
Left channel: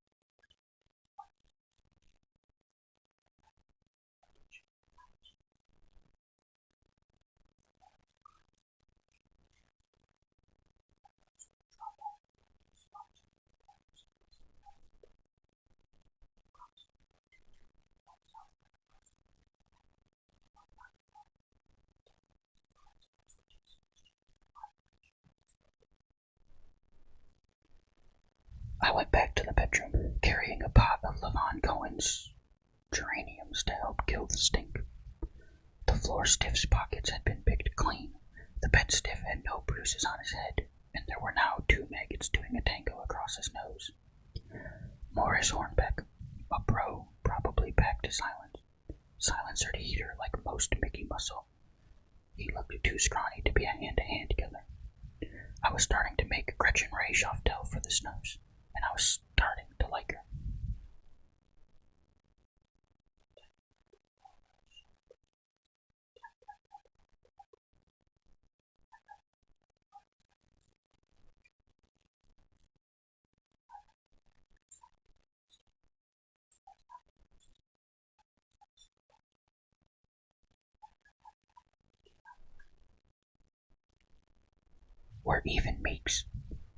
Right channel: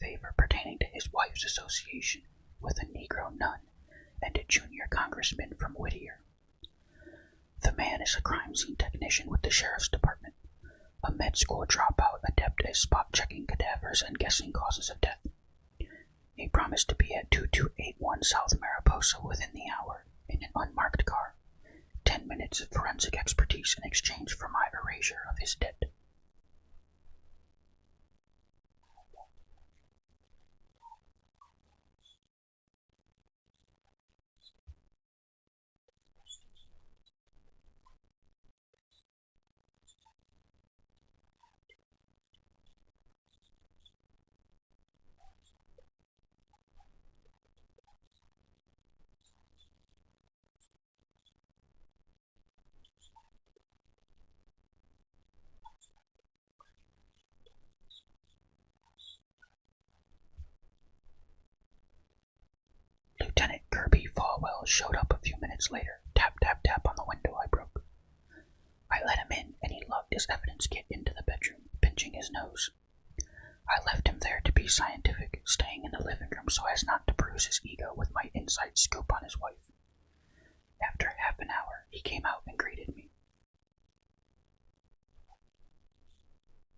favor pertaining to his wife's association with a Negro nun and a junior congressman from Whittier. The man is a crime scene technician with the sheriff's department, a med school dropout adept at spot-checking cadavers and guessing causes of death. He promised to be at 2281 South Mariposa within the hour in an unmarked car. 10 minutes of forensic expertise in exchange for my erasure of his debt. I went back to the bedroom, carrying a pot of Lavon Cohen's geraniums to help kill the stink. The floor stiff's pockets had been picked clean. The bed stiff had no bruises on his head, and there were now 2 maggots doing a tango across his nose. Morris Hornbeck, a bro, probably packed a silencered heater like most Mickey muscle. He looked too scrawny to be a hand-to-hand killer. I was starting to make Gretchen Ray Schoftel for the Snuffs, and I was starting to like her. Lieutenant Kirby Falwell showed up a few minutes later. Tap, tap, tap on the window I broke. I let him in, and he lugged his evidence kit into the bedroom, pinching his nose. I left him there to be scientific, staying in the living room so as not to bruise his ego with my inside scoop on his wife. After half an hour, he came out and greeted me. "We're even, Meeks."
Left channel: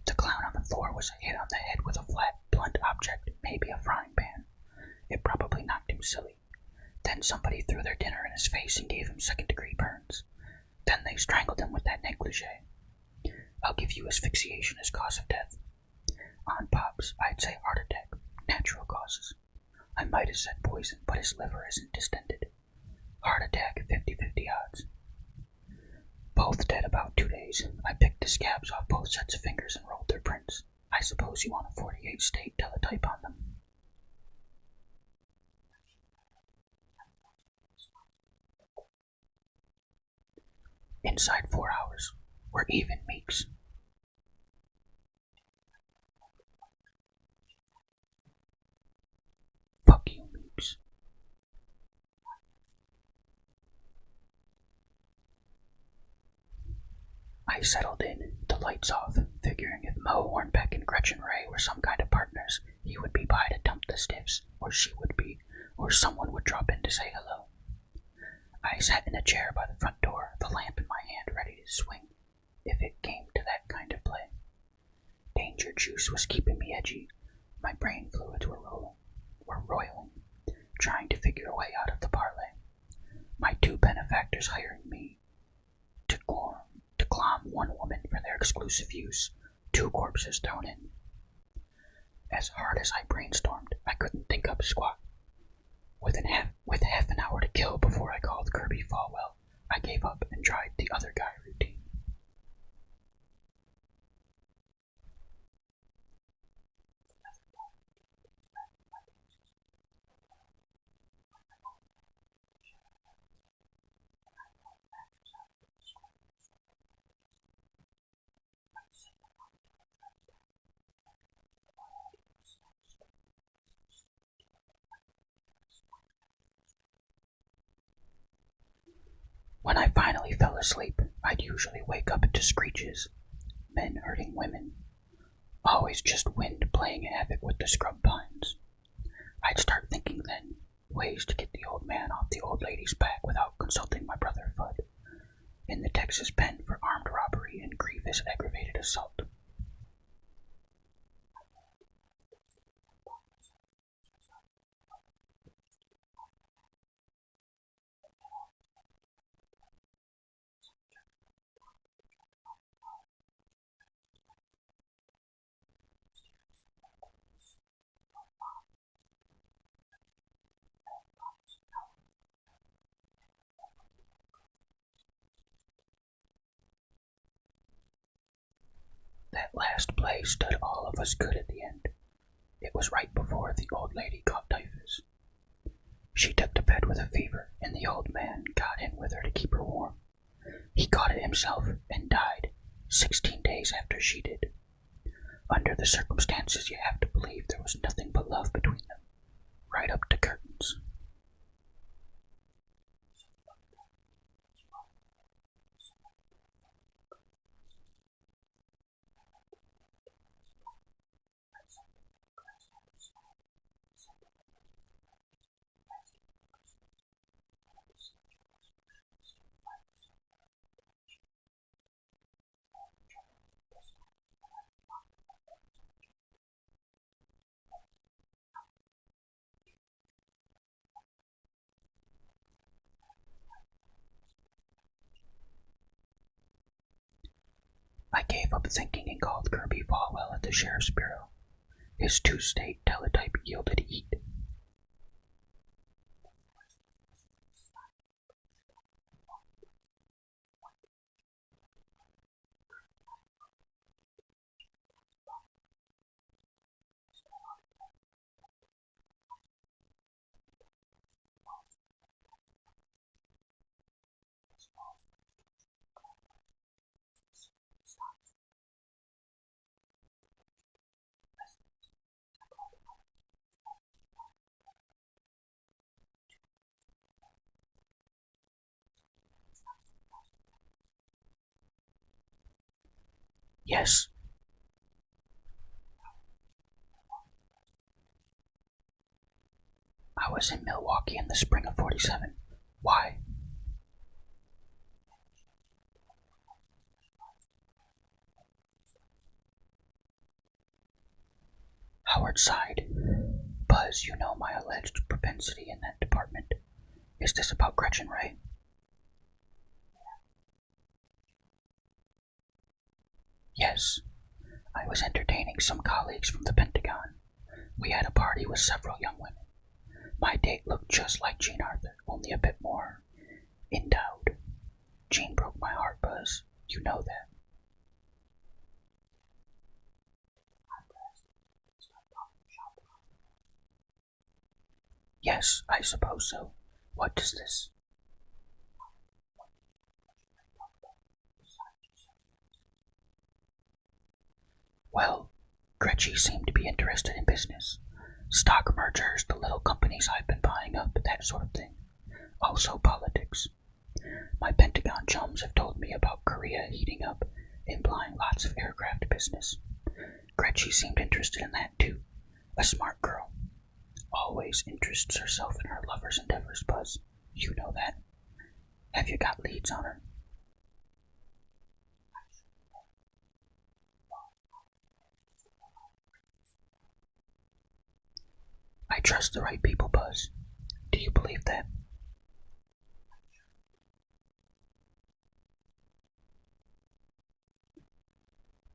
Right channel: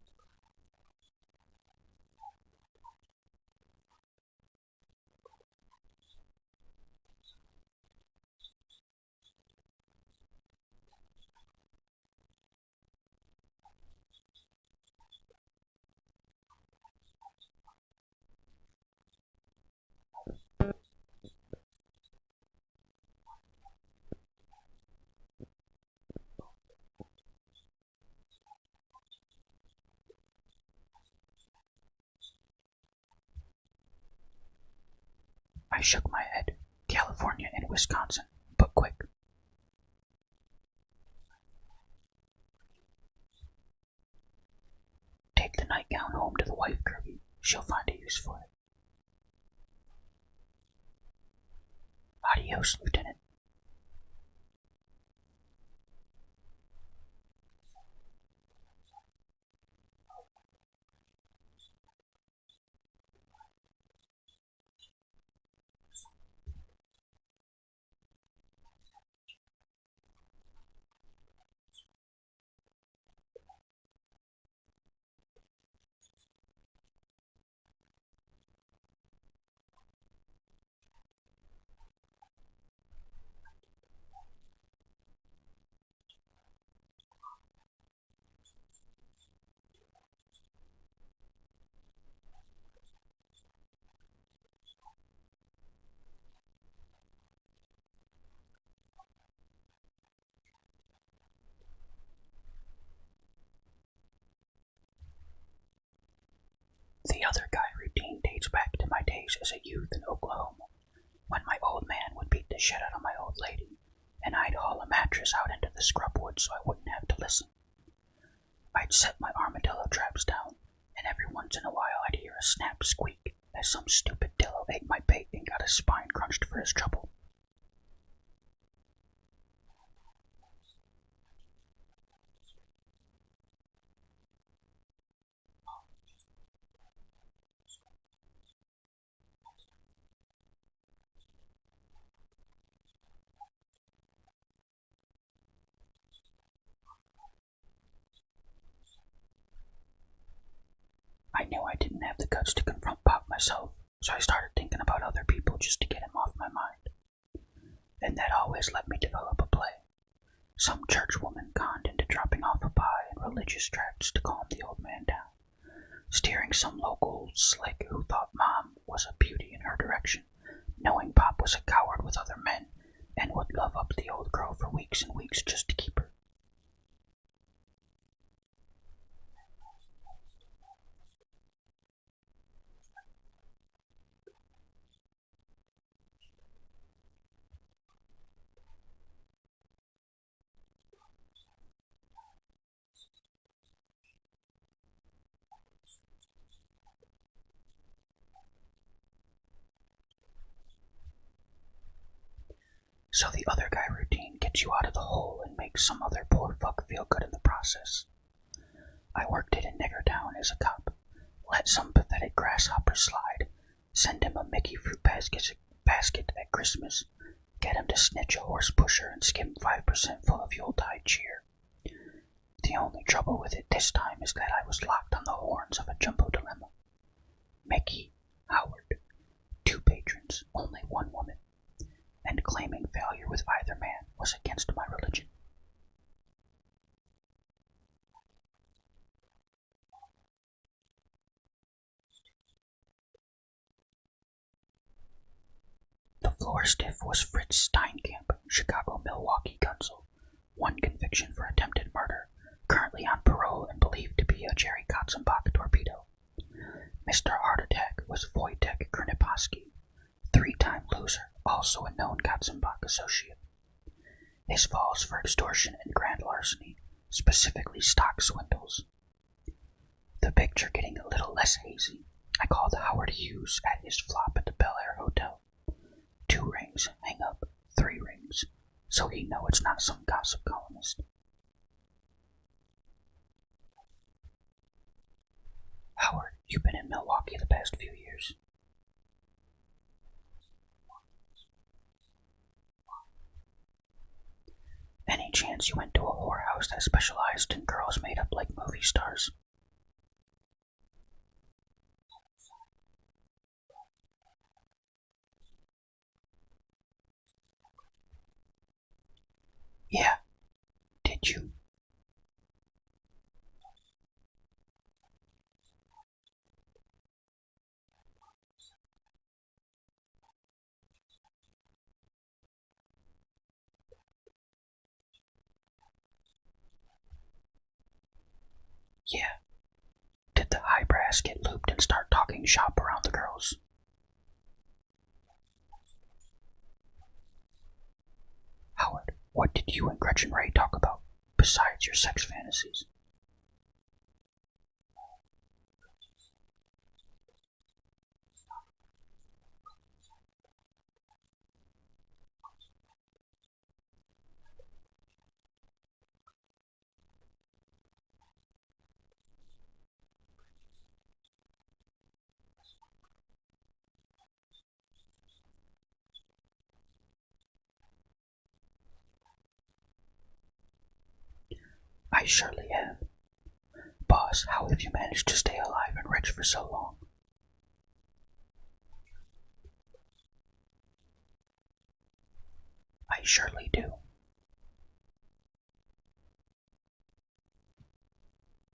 The clown on the floor was hit on the head with a flat, blunt object, maybe a frying pan. It probably knocked him silly. Then somebody threw their dinner in his face and gave him second-degree burns. Then they strangled him with that negligee. I'll give you asphyxiation as cause of death. On Pops, I'd say heart attack, natural causes. I might have said poison, but his liver isn't distended. Heart attack, 50-50 odds. Both dead about 2 days. I picked the scabs off both sets of fingers and rolled their prints. I suppose you want a 48-state teletype on them. I shook my head. California and Wisconsin, but quick. Inside 4 hours. We're even, Meeks. Take the nightgown home to the wife, Kirby. She'll find a use for it. Fuck you, Meeks. Adios, Lieutenant. I settled in, the lights off, figuring if Mo Hornbeck and Gretchen Ray were some kind of partners, he would be by to dump the stiffs, or she would be, or someone would drop in to say hello. I sat in a chair by the front door, the lamp in my hand ready to swing, if it came to that kind of play. Danger juice was keeping me edgy. My brain fluids were roiling, trying to figure a way out of the parlay. My 2 benefactors hiring me to clom one woman for their exclusive use, 2 corpses thrown in. As hard as I brainstormed, I couldn't think up squat. With half an hour to kill before I called Kirby Falwell, I gave up and tried the other guy routine. The other guy routine dates back to my days as a youth in Oklahoma, when my old man would beat the shit out of my old lady, and I'd haul a mattress out into the scrub woods so I wouldn't have to listen. I'd set my armadillo traps down, and every once in a while I'd hear a snap squeak as some stupid dillo ate my bait and got his spine crunched for his trouble. When I finally fell asleep, I'd usually wake up to screeches, men hurting women, always just wind playing havoc with the scrub pines. I'd start thinking then, ways to get the old man off the old lady's back without consulting my brother Fudd, in the Texas pen for armed robbery and grievous aggravated assault. I knew I didn't have the guts to confront Pop myself, so I started thinking about other people just to get him off my mind. And that always let me develop a play. Some churchwoman conned into dropping off a pie and religious tracts to calm the old man down, steering some local slick who thought Mom was a beauty in her direction, knowing Pop was a coward with other men and would love up the old girl for weeks and weeks just to keep her. That last play stood all of us good at the end. It was right before the old lady caught typhus. She took to bed with a fever, and the old man got in with her to keep her warm. He caught it himself and died 16 days after she did. Under the circumstances, you have to believe there was nothing but love between them, right up to curtains. So the other guy routine gets you out of the hole and makes some other poor fuck feel good in the process. I worked it in Niggertown as a cop. Let some pathetic grasshopper slide, send him a Mickey fruit basket at Christmas, get him to snitch a horse pusher and skim 5% full of Yuletide cheer. The only trouble with it this time is that I was locked on the horns of a jumbo dilemma. Mickey, Howard, 2 patrons, only 1 woman, and claiming failure with either man was against my religion. I gave up thinking and called Kirby Falwell at the Sheriff's Bureau. His 2-state teletype yielded heat. The floor stiff was Fritz Steinkamp, Chicago-Milwaukee consul, 1 conviction for attempted murder, currently on parole and believed to be a Jerry Katzenbach torpedo. Mr. Heart Attack was Wojtek Krniposki, 3-time loser, also a known Katzenbach associate. His falls for extortion and grand larceny specifically stock swindles. The picture getting a little less hazy, I called Howard Hughes at his flop at the Bel Air Hotel. 2 rings, hang up, 3 rings, so he know it's not some gossip columnist. Yes. Howard, you've been in Milwaukee the past few years. I was in Milwaukee in the spring of 47. Why? Any chance you went to a whorehouse that specialized in girls made up like movie stars? Howard sighed. Buzz, you know my alleged propensity in that department. Is this about Gretchen Ray? Yeah. Did you? Yes. I was entertaining some colleagues from the Pentagon. We had a party with several young women. My date looked just like Jean Arthur, only a bit more endowed. Jean broke my heart, Buzz. You know that. Yeah. Did the high brass get looped and start talking shop around the girls? Yes, I suppose so. What does this? Howard, what did you and Gretchen Ray talk about, besides your sex fantasies? Well, Gretchen seemed to be interested in business. Stock mergers, the little companies I've been buying up, that sort of thing. Also politics. My Pentagon chums have told me about Korea heating up, implying lots of aircraft business. Gretchen seemed interested in that too. A smart girl. Always interests herself in her lover's endeavors, Buzz. You know that. Have you got leads on her? I surely have. Boss, how have you managed to stay alive and rich for so long? I trust the right people, Buzz. Do you believe that? I surely do.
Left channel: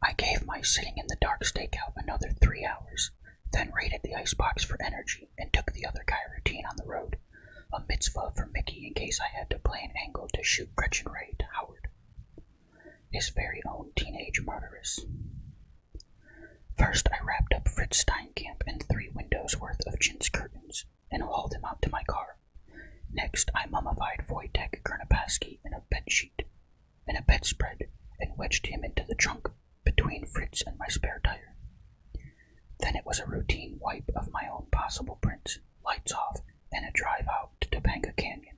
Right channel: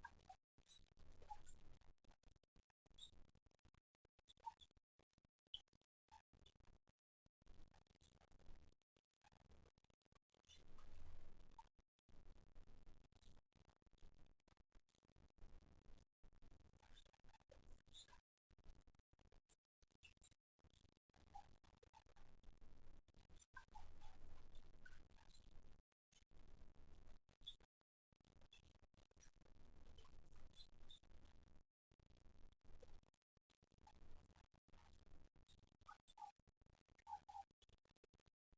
I gave my sitting in the dark stakeout another 3 hours, then raided the icebox for energy and took the other guy routine on the road, a mitzvah for Mickey in case I had to play an angle to shoot Gretchen Ray to Howard, his very own teenage murderess. First, I wrapped up Fritz Steinkamp in 3 windows worth of chintz curtains and hauled him out to my car. Next, I mummified Wojtek Kernapaski in a bedspread and wedged him into the trunk between Fritz and my spare tire. Then it was a routine wipe of my own possible prints, lights off, and a drive out to Topanga Canyon,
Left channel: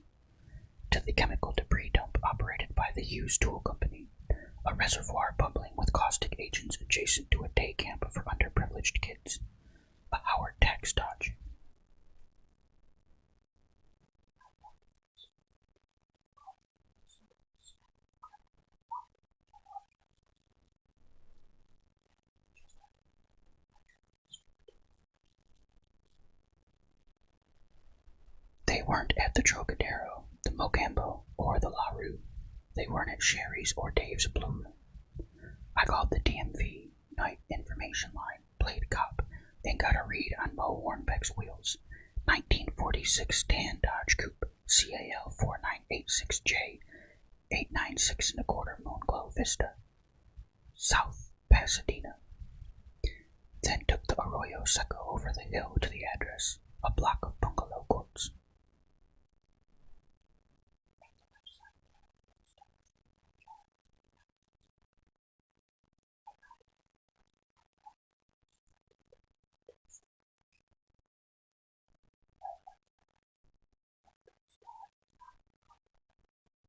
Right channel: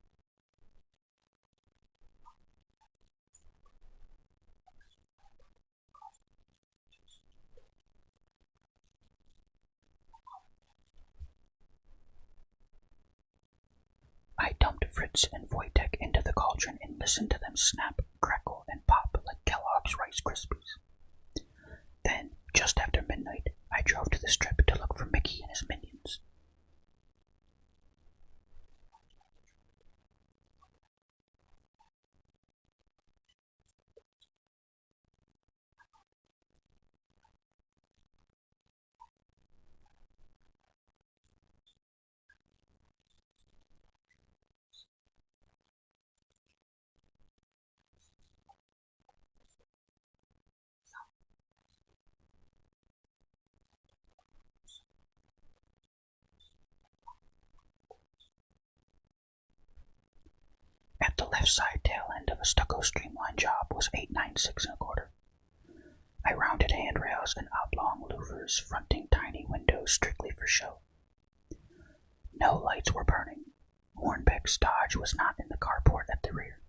to the chemical debris dump operated by the Hughes Tool Company, a reservoir bubbling with caustic agents adjacent to a day camp for underprivileged kids, a Howard tax dodge. I dumped Fritz and Wojtek into the cauldron and listened to them snap, crackle, and pop like Kellogg's Rice Krispies. Then, just after midnight, I drove to the strip to look for Mickey and his minions. They weren't at the Trocadero, the Mocambo, or the La Rue. They weren't at Sherry's or Dave's Blue Room. I called the DMV Night Information Line, played cop, and got a read on Mo Hornbeck's wheels. 1946 tan Dodge Coupe, CAL 4986J, 896 1/4 Moonglow Vista, South Pasadena. Then took the Arroyo Seco over the hill to the address, a block of bungalow courts. At the left side tail end of a stucco streamline job was 896 1/4. I rounded handrails and oblong louvers fronting tiny windows strictly for show. No lights were burning. Hornbeck's Dodge was not in the carport at the rear.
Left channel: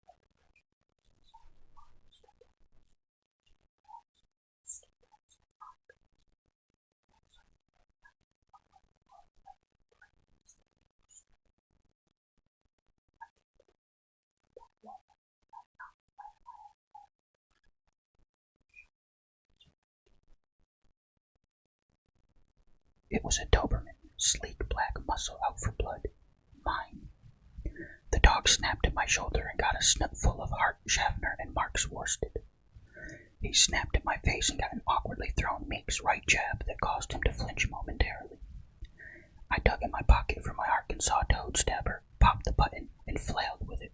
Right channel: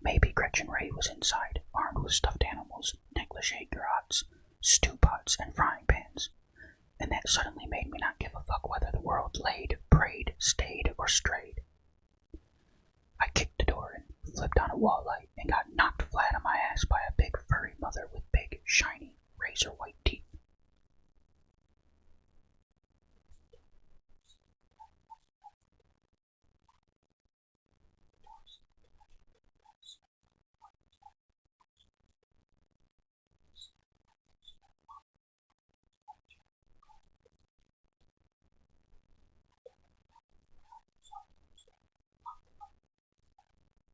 Maybe Gretchen Ray was inside, armed with stuffed animals, negligee garrots, stew pots, and frying pans, and that suddenly made me not give a fuck whether the world laid, prayed, stayed, or strayed. I kicked the door in, flipped on a wall light, and got knocked flat on my ass by a big furry mother with big, shiny, razor-white teeth. It was a Doberman, sleek black muscle out for blood. Mine. The dog snapped at my shoulder and got a snout full of Hart, Schaffner, and Mark's worsted. He snapped at my face and got an awkwardly thrown Meek's right jab that caused him to flinch momentarily. I dug in my pocket for my Arkansas toad stabber, popped the button, and flailed with it.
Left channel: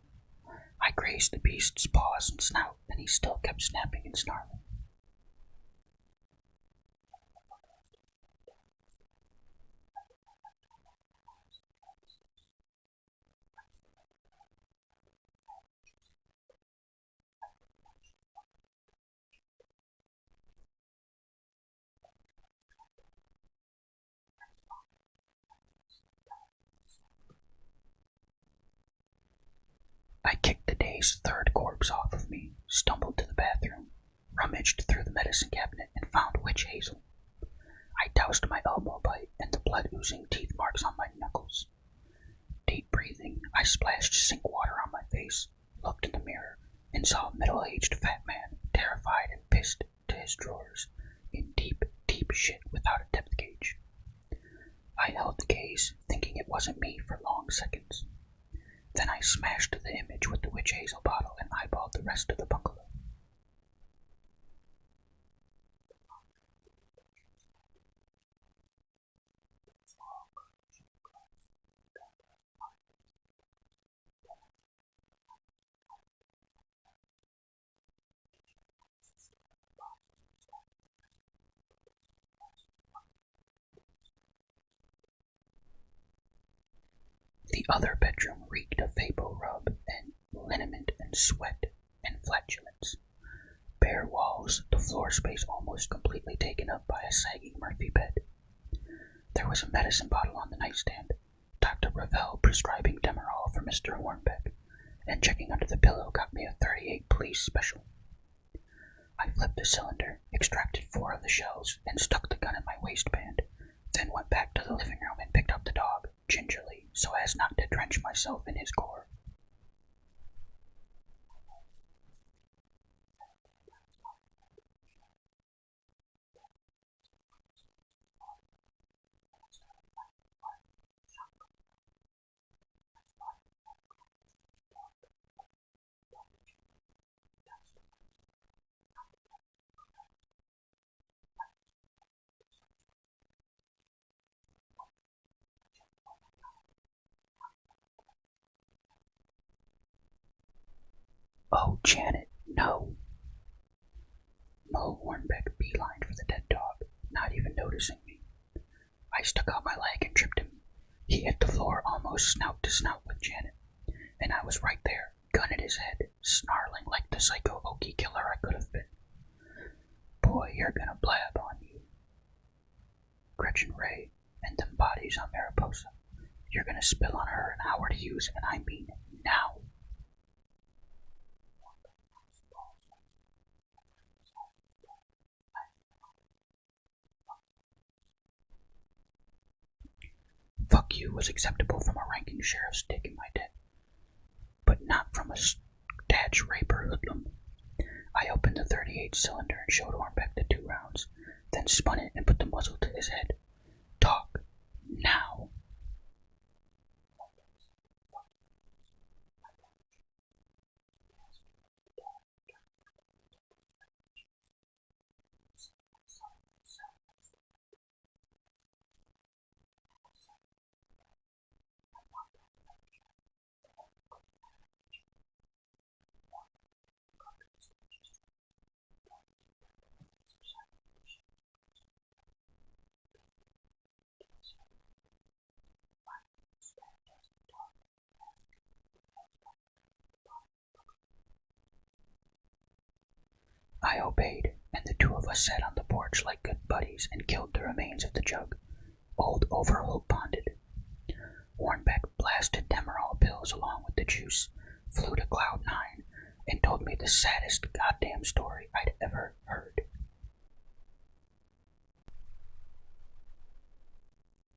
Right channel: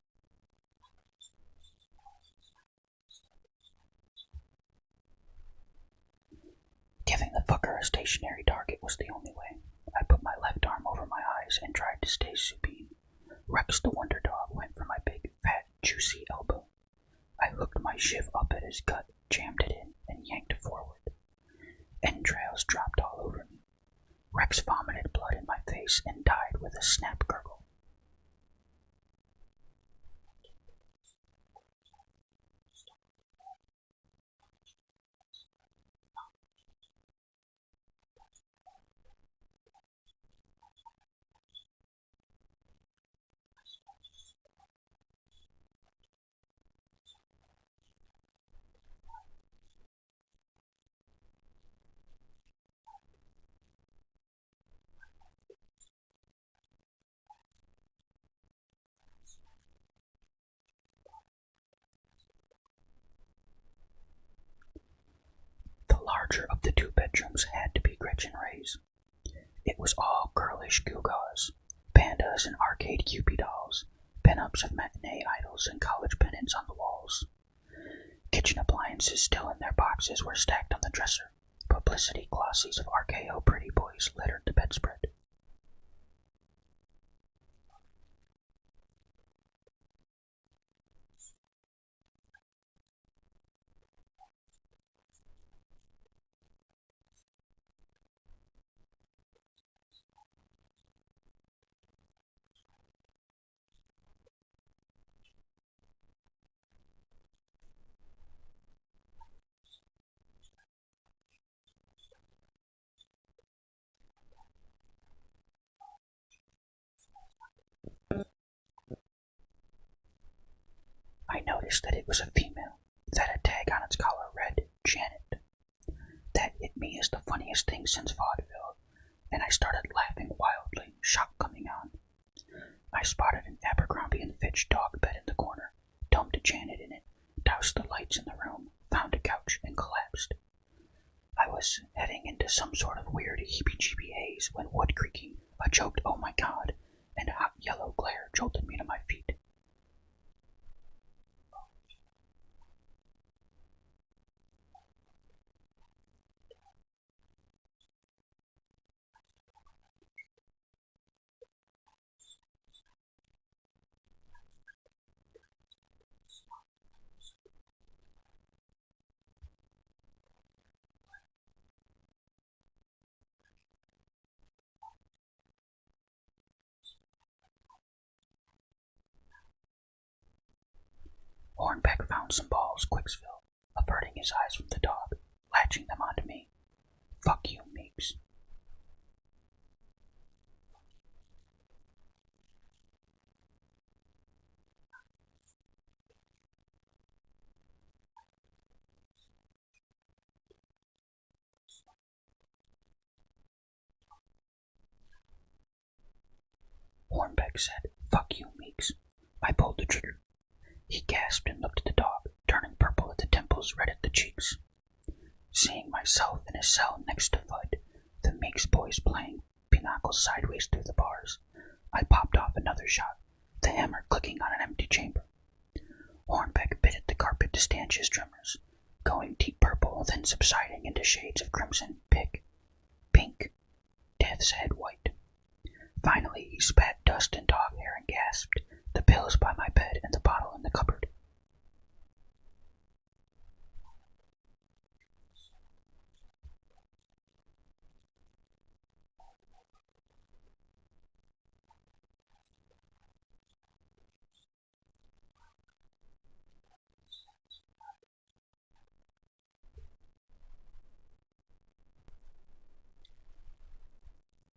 I grazed the beast's paws and snout, and he still kept snapping and snarling. Giving the fucker a stationary target was the only way. I put my left arm over my eyes and tried to stay supine. Rex the Wonder Dog went for my big, fat, juicy elbow. I hooked my shiv up at his gut, jammed it in, and yanked it forward. Entrails dropped all over me. Rex vomited blood in my face and died with a snap gurgle. I kicked the day's third corpse off of me, stumbled to the bathroom, rummaged through the medicine cabinet, and found witch hazel. I doused my elbow bite and the blood-oozing teeth marks on my knuckles. Deep breathing, I splashed sink water on my face, looked in the mirror, and saw a middle-aged fat man, terrified and pissed to his drawers, in deep, deep shit without a depth gauge. I held the gaze, thinking it wasn't me for long seconds. Then I smashed the image with the witch hazel bottle and eyeballed the rest of the bungalow. The larger of the two bedrooms had to be Gretchen Ray's. It was all girlish gewgaws, pandas and arcade Cupid dolls, pin-ups of matinee idols and college pennants on the walls. Kitchen appliances still in their boxes were stacked on the dresser. Publicity glossies of RKO pretty boys littered the bedspread. The other bedroom reeked of vapor rub and liniment and sweat and flatulence. Bare walls, the floor space almost completely taken up by a sagging Murphy bed. There was a medicine bottle on the nightstand, Dr. Ravel prescribing Demerol for Mr. Hornbeck, and checking under the pillow got me a 38 police special. I flipped the cylinder, extracted 4 of the shells, and stuck the gun in my waistband, then went back to the living room and picked up the dog, gingerly, so as not to drench myself in his gore. I noticed that it was a female, that a tag on its collar read, Janet. That hit me as the funniest thing since vaudeville, and I started laughing wildly, shock coming on. I spotted an Abercrombie and Fitch dog bed in the corner, dumped Janet in it, doused the lights in the room, found a couch, and collapsed. I was heading into some sort of weird heebie-jeebie haze when wood creaking, a choked "oh my god," and a hot yellow glare jolted me to my feet. "Oh, Janet, no." Mo Hornbeck beelined for the dead dog, not even noticing me. I stuck out my leg and tripped him. He hit the floor almost snout to snout with Janet, and I was right there, gun at his head, snarling like the psycho Okie killer I could have been. "Boy, you're gonna blab on you. Gretchen Ray and them bodies on Mariposa. You're gonna spill on her and Howard Hughes, and I mean now." Hornbeck found some balls, Quicksville, averting his eyes from the dog, latching them onto me. "Fuck you, Meeks." "Fuck you" was acceptable from a ranking sheriff's dick in my den, but not from a statch raper hoodlum. I opened the 38 cylinder and showed Hornbeck the 2 rounds, then spun it and put the muzzle to his head. "Talk. Now." Hornbeck said, "Fuck you, Meeks." I pulled the trigger. He gasped and looked at the dog, turning purple at the temples, red at the cheeks. Seeing myself in a cell next to Fudd, the Meeks boys playing pinochle sideways through the bars, I popped off another shot, the hammer clicking on an empty chamber. Hornbeck bit at the carpet to stanch his tremors, going deep purple, then subsiding into shades of crimson, pink, death's head white. Finally, he spat dust and dog hair and gasped, "The pills by my bed and the bottle in the cupboard." I obeyed, and the 2 of us sat on the porch like good buddies and killed the remains of the jug. Old Overholt bonded. Hornbeck blasted Demerol pills along with the juice, flew to Cloud 9, and told me the saddest goddamn story I'd ever heard.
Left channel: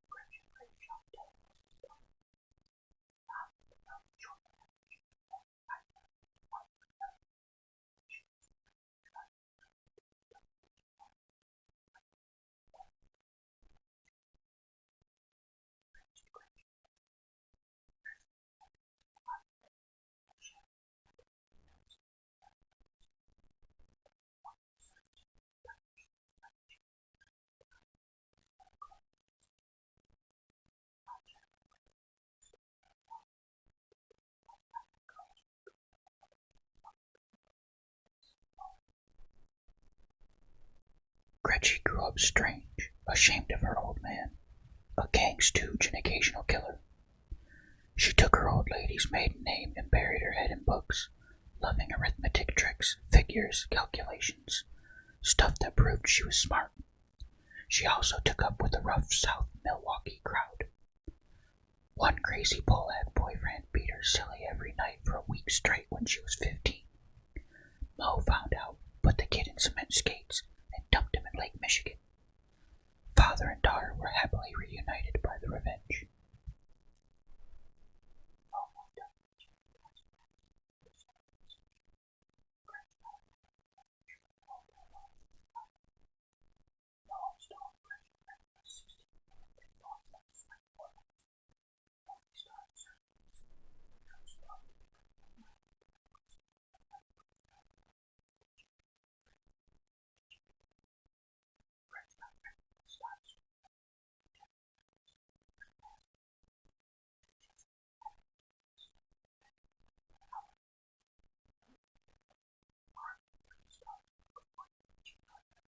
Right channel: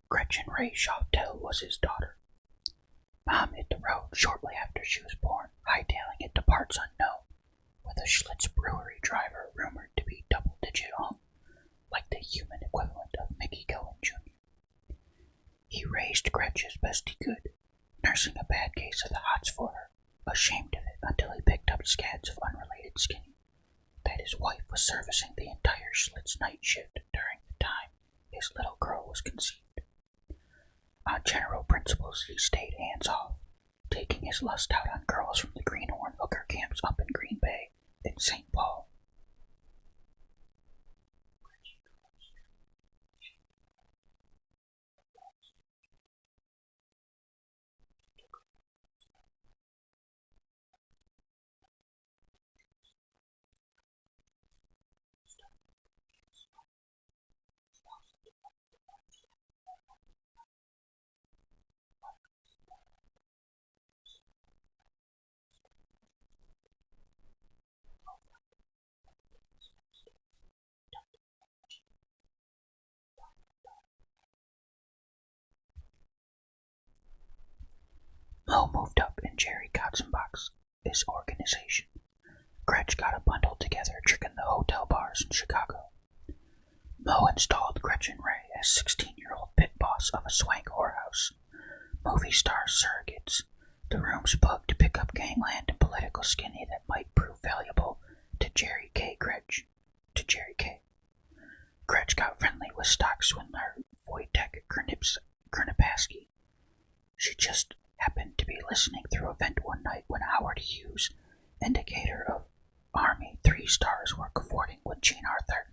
Gretchen Ray Chauvel was his daughter. Mom hit the road shortly after she was born, hightailing it to parts unknown, with a Schlitz brewery driver rumored to be double-digit hung, like the human equivalent of Mickey Cohen Jr. He raised Gretch as best he could, nursing a bad case of the hots for her, ashamed of it until he picked up scads of unrelated skinny, that his wife was servicing the entire Schlitz night shift during the time his little girl was conceived. On general principles, he stayed hands-off, taking his lust out on girls from the Greenhorn hooker camps up in Green Bay and St. Paul. Gretchen grew up strange, ashamed of her old man, a gang stooge and occasional killer. She took her old lady's maiden name and buried her head in books, loving arithmetic tricks, figures, calculations, stuff that proved she was smart. She also took up with the rough South Milwaukee crowd. One crazy bullhead boyfriend beat her silly every night for a week straight when she was 15. Mo found out, put the kid in cement skates, and dumped him in Lake Michigan. Father and daughter were happily reunited by the revenge. Mo moved up in Jerry Katzenbach's organization. Gretch got a bundle together tricking the hotel bars in Chicago. Mo installed Gretchen Ray as 16-year-old pit boss of a swank whorehouse. Movie star surrogates. The rooms booked to pick up gangland and political skinny that might prove valuable to Jerry K. Gretch. Gretch got friendly with stock swindler Wojtek Krnipasky. She just happened to be listening through a vent one night when Howard Hughes, indicator of Army 3 stars, were cavorting with Jean Arthur,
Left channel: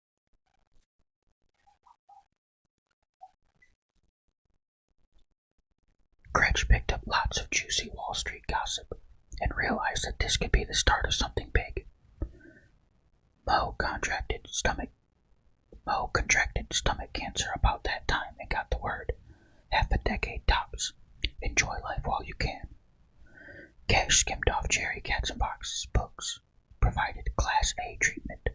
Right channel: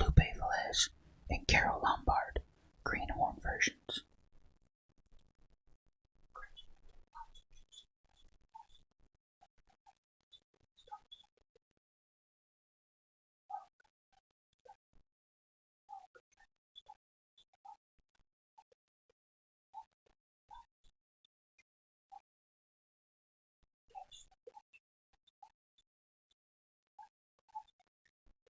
Lupe Velez, and Carol Lombard, greenhorn versions. Gretch picked up lots of juicy Wall Street gossip and realized that this could be the start of something big. Mo contracted stomach cancer about that time and got the word. Half a decade tops. Enjoy life while you can. Cash skimmed off Jerry Katzenbach's books, provided Class A treatment.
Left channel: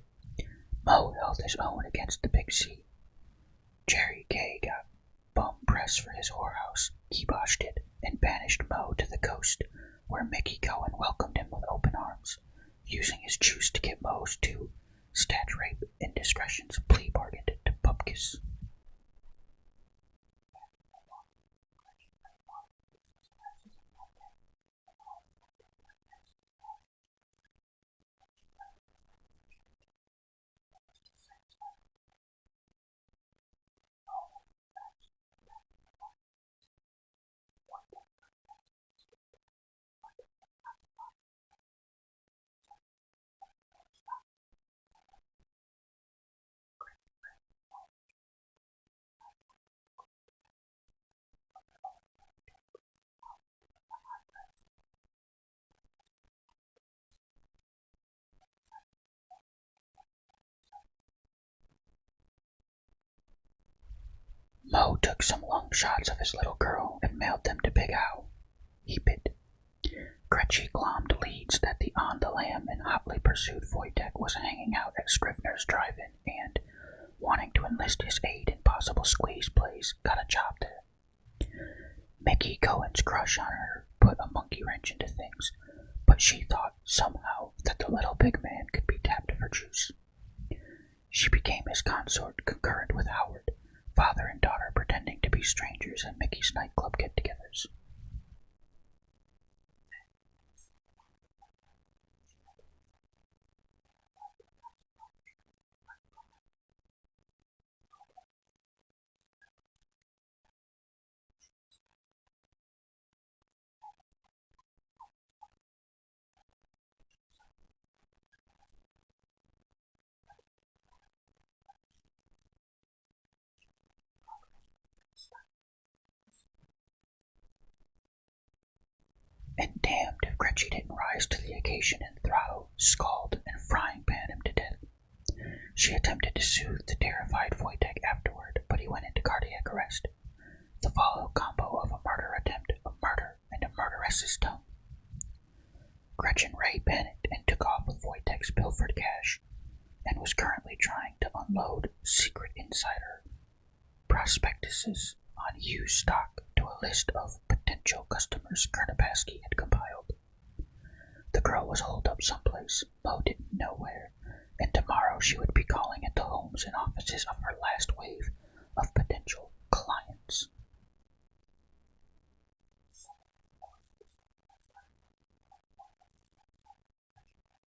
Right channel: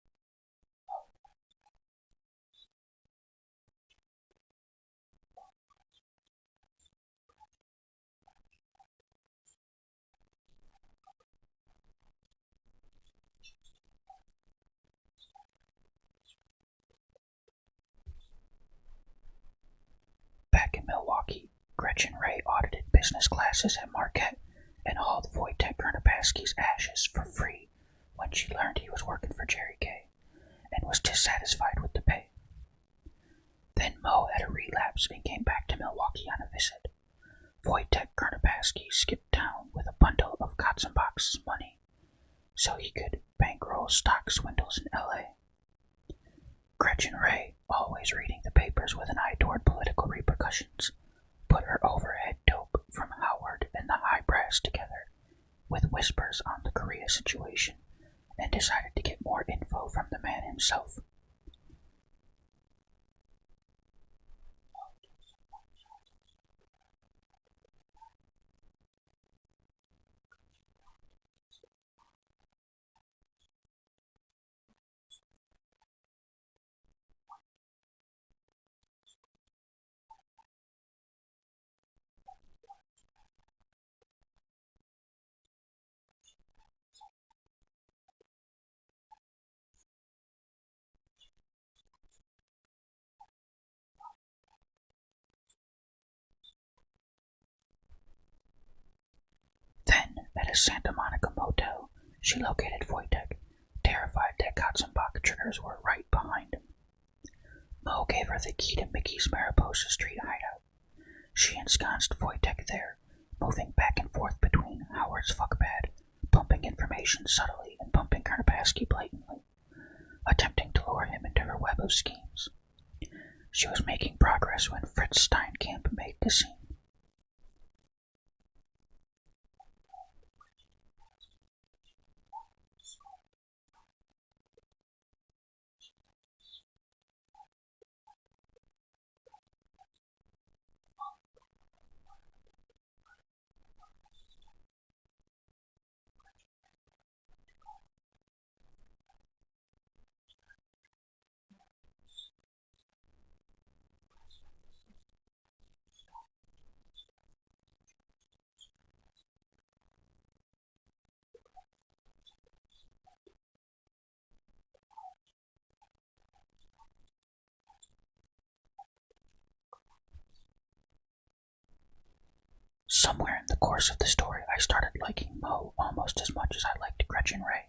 Mo held his own against the Big C. Jerry K. got bum press for his whorehouse, kiboshed it, and banished Mo to the coast, where Mickey Cohen welcomed him with open arms, using his juice to get Mo's 2 stat rape indiscretions plea bargained to Bupkis. Back in Milwaukee, Gretchen Ray audited business classes at Marquette and hauled Wojtek Krnipasky's ashes for free when she learned he was working for Jerry K. and was dissatisfied with the pay. Then Mo had a relapse and came back to Milwaukee on a visit. Wojtek Krnipasky skipped town with a bundle of Katzenbach's money so he could bankroll stock swindles in L.A. Gretchen Ray, always reading the papers with an eye toward political repercussions, put her overhead dope from Howard and the high brass together with whispers on the Korea situation and decided to get more info from the man himself. Mo took some long shots of his little girl and mailed them to Big Al. He bit. Gretchen glommed leads that the On the Lam and hotly pursued Wojtek was hanging out at Scrivener's Drive-In and, wanting to enlist his aid in possible squeeze plays, got a job there. Mickey Cohen's crush on her put a monkey wrench into things, but she thought somehow that the little big man could be tapped for juice. She became his consort concurrent with Howard, father and daughter pretending to be strangers at Mickey's nightclub get-togethers. Then, at a Santa Monica motel, she located Wojtek, terrified that Katzenbach triggers were right behind him. Mo gave her the key to Mickey's Mariposa Street hideout. She ensconced Wojtek there, moving back and forth between Howard's fuckbad, pumping information subtly and pumping Krnipasky blatantly, attempting to lure him into her web of schemes. She was making progress when Fritz Steinkamp made the scene. And damned if Gretchen didn't rise to the occasion and throttle, scald, and frying pan him to death. She attempted to soothe the terrified Wojtek afterward, but he went into cardiac arrest. The follow combo of a murder attempt, a murder, and a murderess's tongue. Gretchen Ray panicked and took off with Wojtek's pilfered cash, and was currently trying to unload secret insider prospectuses on Hughes stock to a list of potential customers Krnipasky had compiled. The girl was holed up someplace, Mo didn't know where, and tomorrow she would be calling at the homes and offices of her last wave of potential clients. Somewhere in the course of the story, I started liking Mo almost as much as I liked Gretchen Ray.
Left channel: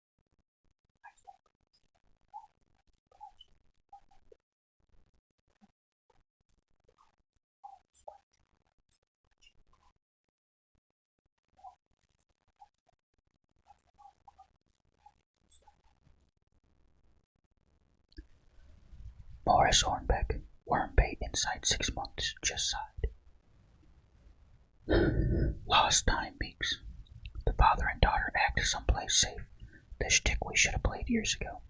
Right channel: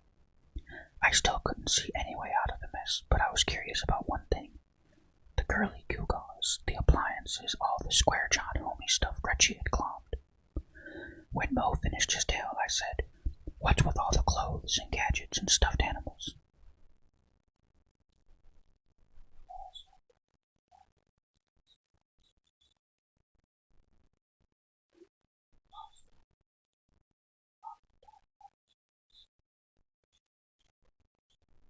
I still couldn't see any way out of the mess, but I was curious about one thing. The girly gewgaws, the appliances, all the square John homie stuff Gretchen had glommed. When Mo finished his tale, I said, "What's with all the clothes and gadgets and stuffed animals?" Morris Hornbeck, worm bait inside 6 months, just sighed. Lost time, Meeks. The father and daughter act someplace safe, the shtick we should have played years ago.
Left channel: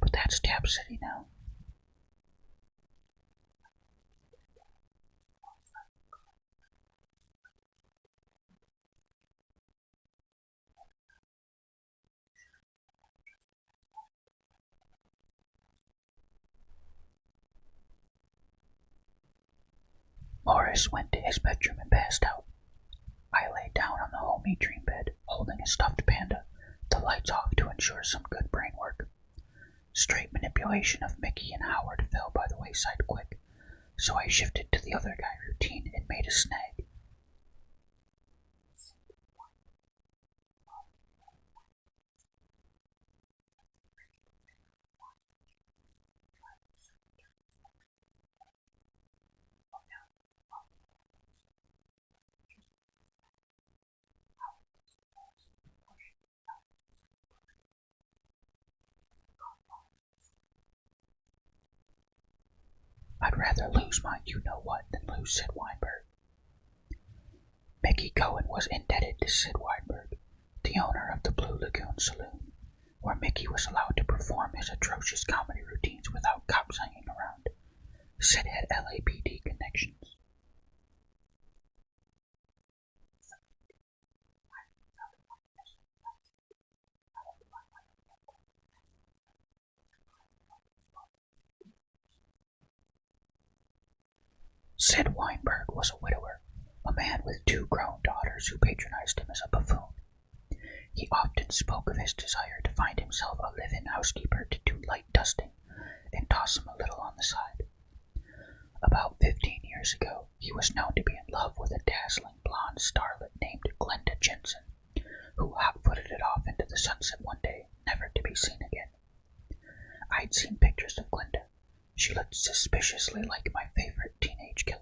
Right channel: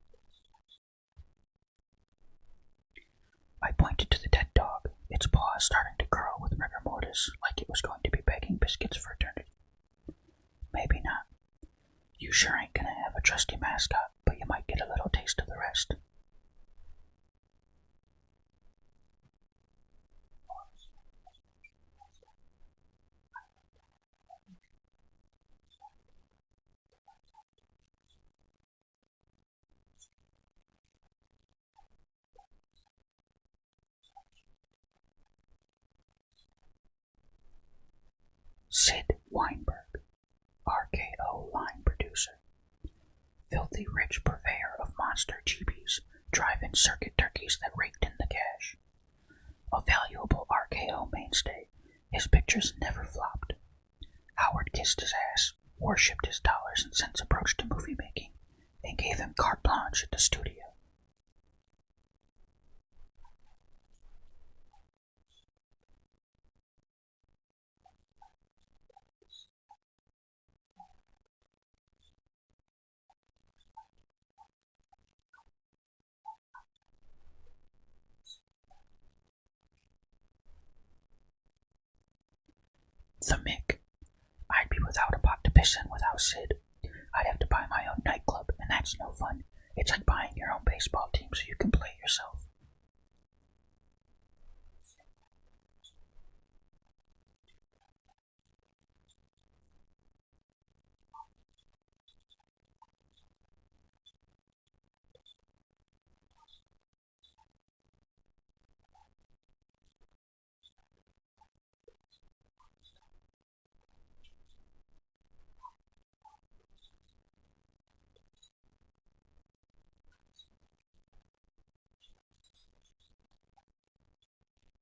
But that's Tap City now. I pointed to the dead dog, its paws starting to curl with rigor mortis, like it was going to be begging biscuits for eternity. Maybe not. You sure ain't gonna have a trusty mascot, but you might get a little taste of the rest. Morris went to his bedroom and passed out. I lay down on the homey dream bed, holding a stuffed panda, the lights off to ensure some good brain work. Straight manipulation of Mickey and Howard fell by the wayside quick, so I shifted to the other guy routine and made a snag. Sid Weinberg, RKO line producer. Filthy rich purveyor of monster GBs, drive-in circuit turkeys that raked in the cash. A valuable RKO mainstay, his pictures never flopped. Howard kissed his ass, worshipped his dollars and cents approach to movie making, and gave him carte blanche at the studio. I'd rather lose my you-know-what than lose Sid Weinberg. Mickey Cohen was indebted to Sid Weinberg, the owner of the Blue Lagoon Saloon, where Mickey was allowed to perform his atrocious comedy routines without cops hanging around. Sid had LAPD connections. The Mick. I'd be without a pot to piss in without Sid. I'd have to buy my own nightclub, and that's no fun. It's like buying your own baseball team so you can play yourself. Sid Weinberg was a widower, a man with 2 grown daughters who patronized him as a buffoon. He often spoke of his desire to find himself a live-in housekeeper to do light dusting and toss him a little on the side. About 15 years ago, he was known to be in love with a dazzling blonde starlet named Glenda Jensen, who hot-footed it off into the sunset one day, never to be seen again. I'd seen pictures of Glenda. She looked suspiciously like my favorite teenage killer.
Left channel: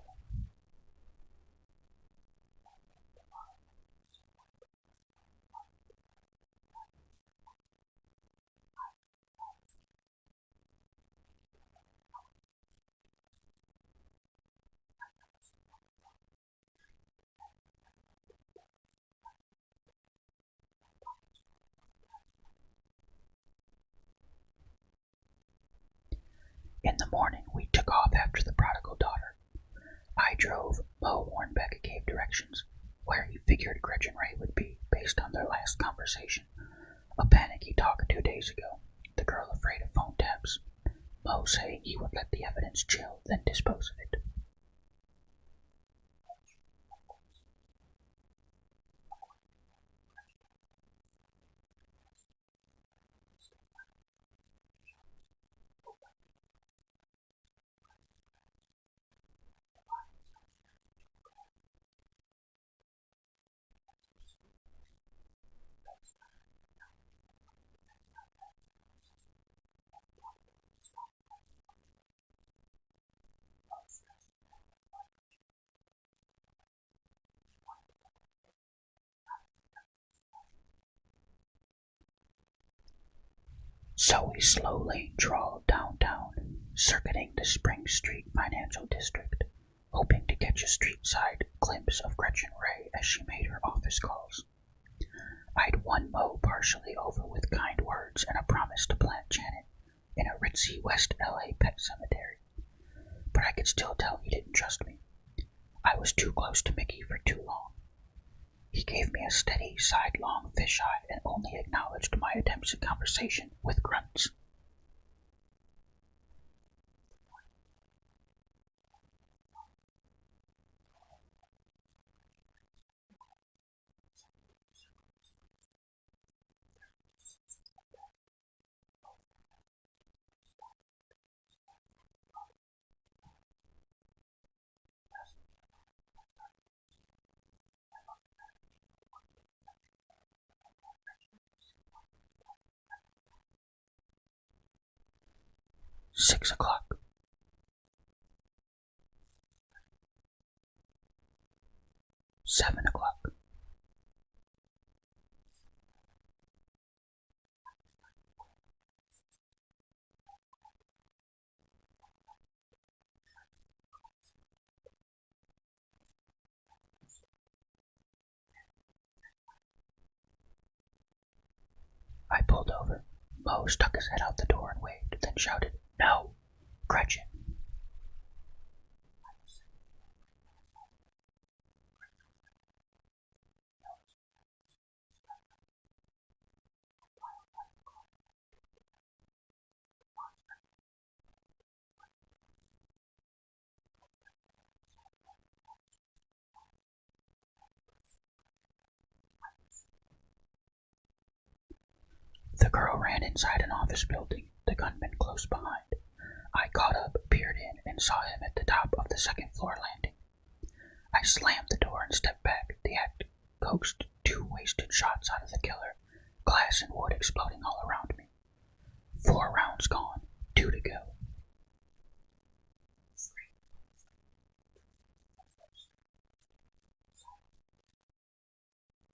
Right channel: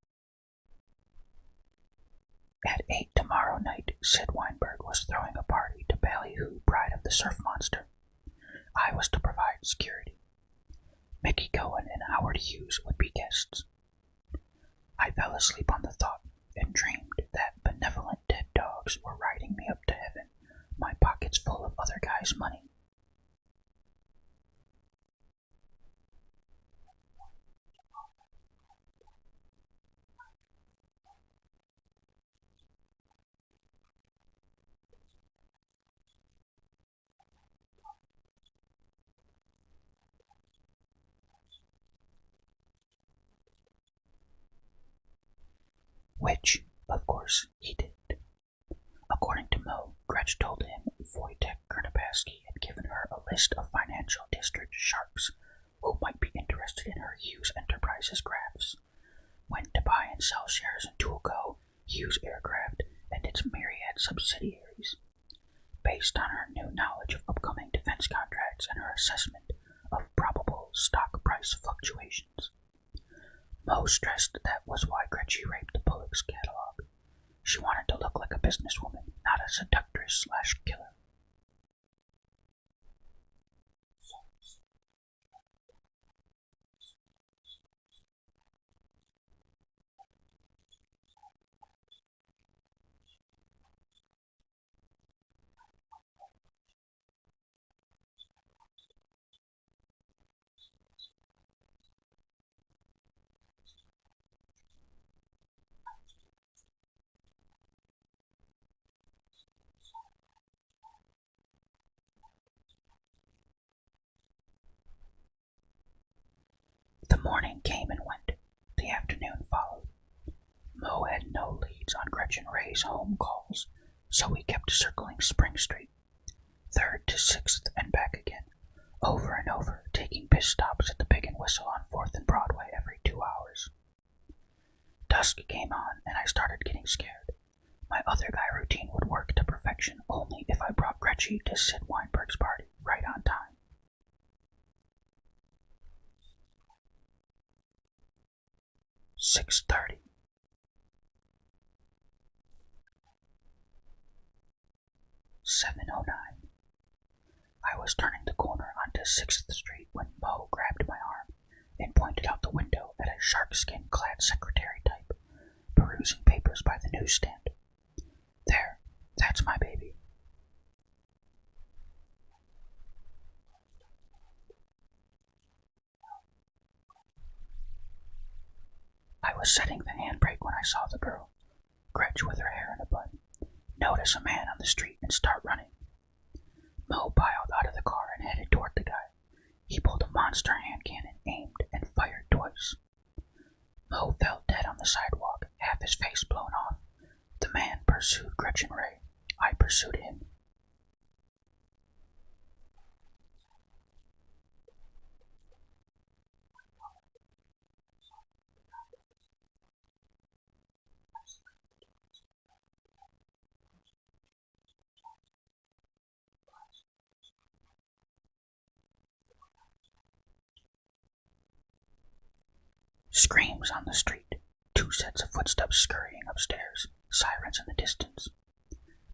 At 8 tomorrow night, Sid Weinberg was throwing a party to Ballyhoo, Bride of the Surf Monster. I was to provide security. Mickey Cohen and Howard Hughes would be guests. I fell asleep on the thought and dreamed that benevolent dead dogs were riding me up to heaven, my pockets full of other guys' money. In the morning, we took off after the prodigal daughter. I drove. Mo Hornbeck gave directions, where he figured Gretchen Ray would be, based on their last conversation. A panicky talk 2 days ago, the girl afraid of phone taps. Mo saying he would let the evidence chill, then dispose of it. Which, of course, he did. According to Mo, Gretch told him Wojtek Kernapowski had given her a list of financial district sharks who might be interested in her Hughes Enterprises graphs, when to buy and sell shares in Toolco, Hughes Aircraft, and its myriad subsidiaries. Based on her new knowledge of upcoming defense contracts and her assessment of probable stock price fluctuations. Mo stressed that was why Gretchen raped the Bullock's catalog. She wanted to look like a businesswoman, not a seductress/killer. So we slowly drawled downtown, circuiting the Spring Street financial district, hoping to catch a street-side glimpse of Gretchen Ray as she made her office calls. I'd won Mo partially over with kind words and a promise to plant Janet in a ritzy West LA pet cemetery, but I could still tell he didn't trust me. I was too close to Mickey for too long. He gave me a steady, sidelong fisheye and only acknowledged my attempts at conversation with grunts. The morning came and went. The afternoon followed. Mo had no leads on Gretchen Ray's home calls, so we kept circling Spring Street, 3rd to 6th and back again, over and over, taking piss stops at the Pig and Whistle on 4th and Broadway every 2 hours. Dusk came on, and I started getting scared. My other guy routine would work to perfection only if I brought Gretchen to Sid Weinberg's party right on time. 6 o'clock. 6:30. 7 o'clock. 7:09. I was turning the corner onto 6th Street when Mo grabbed my arm and pointed out the window at a sharkskin-clad secretary type, perusing papers by the newsstand. There, that's my baby. Mo stuck his head out the door and waved, then shouted, "No, Gretchen." I was setting the handbrake when I saw the girl, Gretch with her hair in a bun, notice a man on the street and start running. Mo piled out of the car and headed toward the guy. He pulled a monster hand cannon, aimed, and fired twice. Mo fell dead on the sidewalk, half his face blown off. The man pursued Gretchen Ray. I pursued him. The girl ran inside an office building, the gunman close behind. I caught up, peered in, and saw him at the top of the second-floor landing. I slammed the door and stepped back. The act coaxed 2 wasted shots out of the killer, glass and wood exploding all around me. 4 rounds gone, 2 to go. Screams on the street, 2 sets of footsteps scurrying upstairs, sirens in the distance.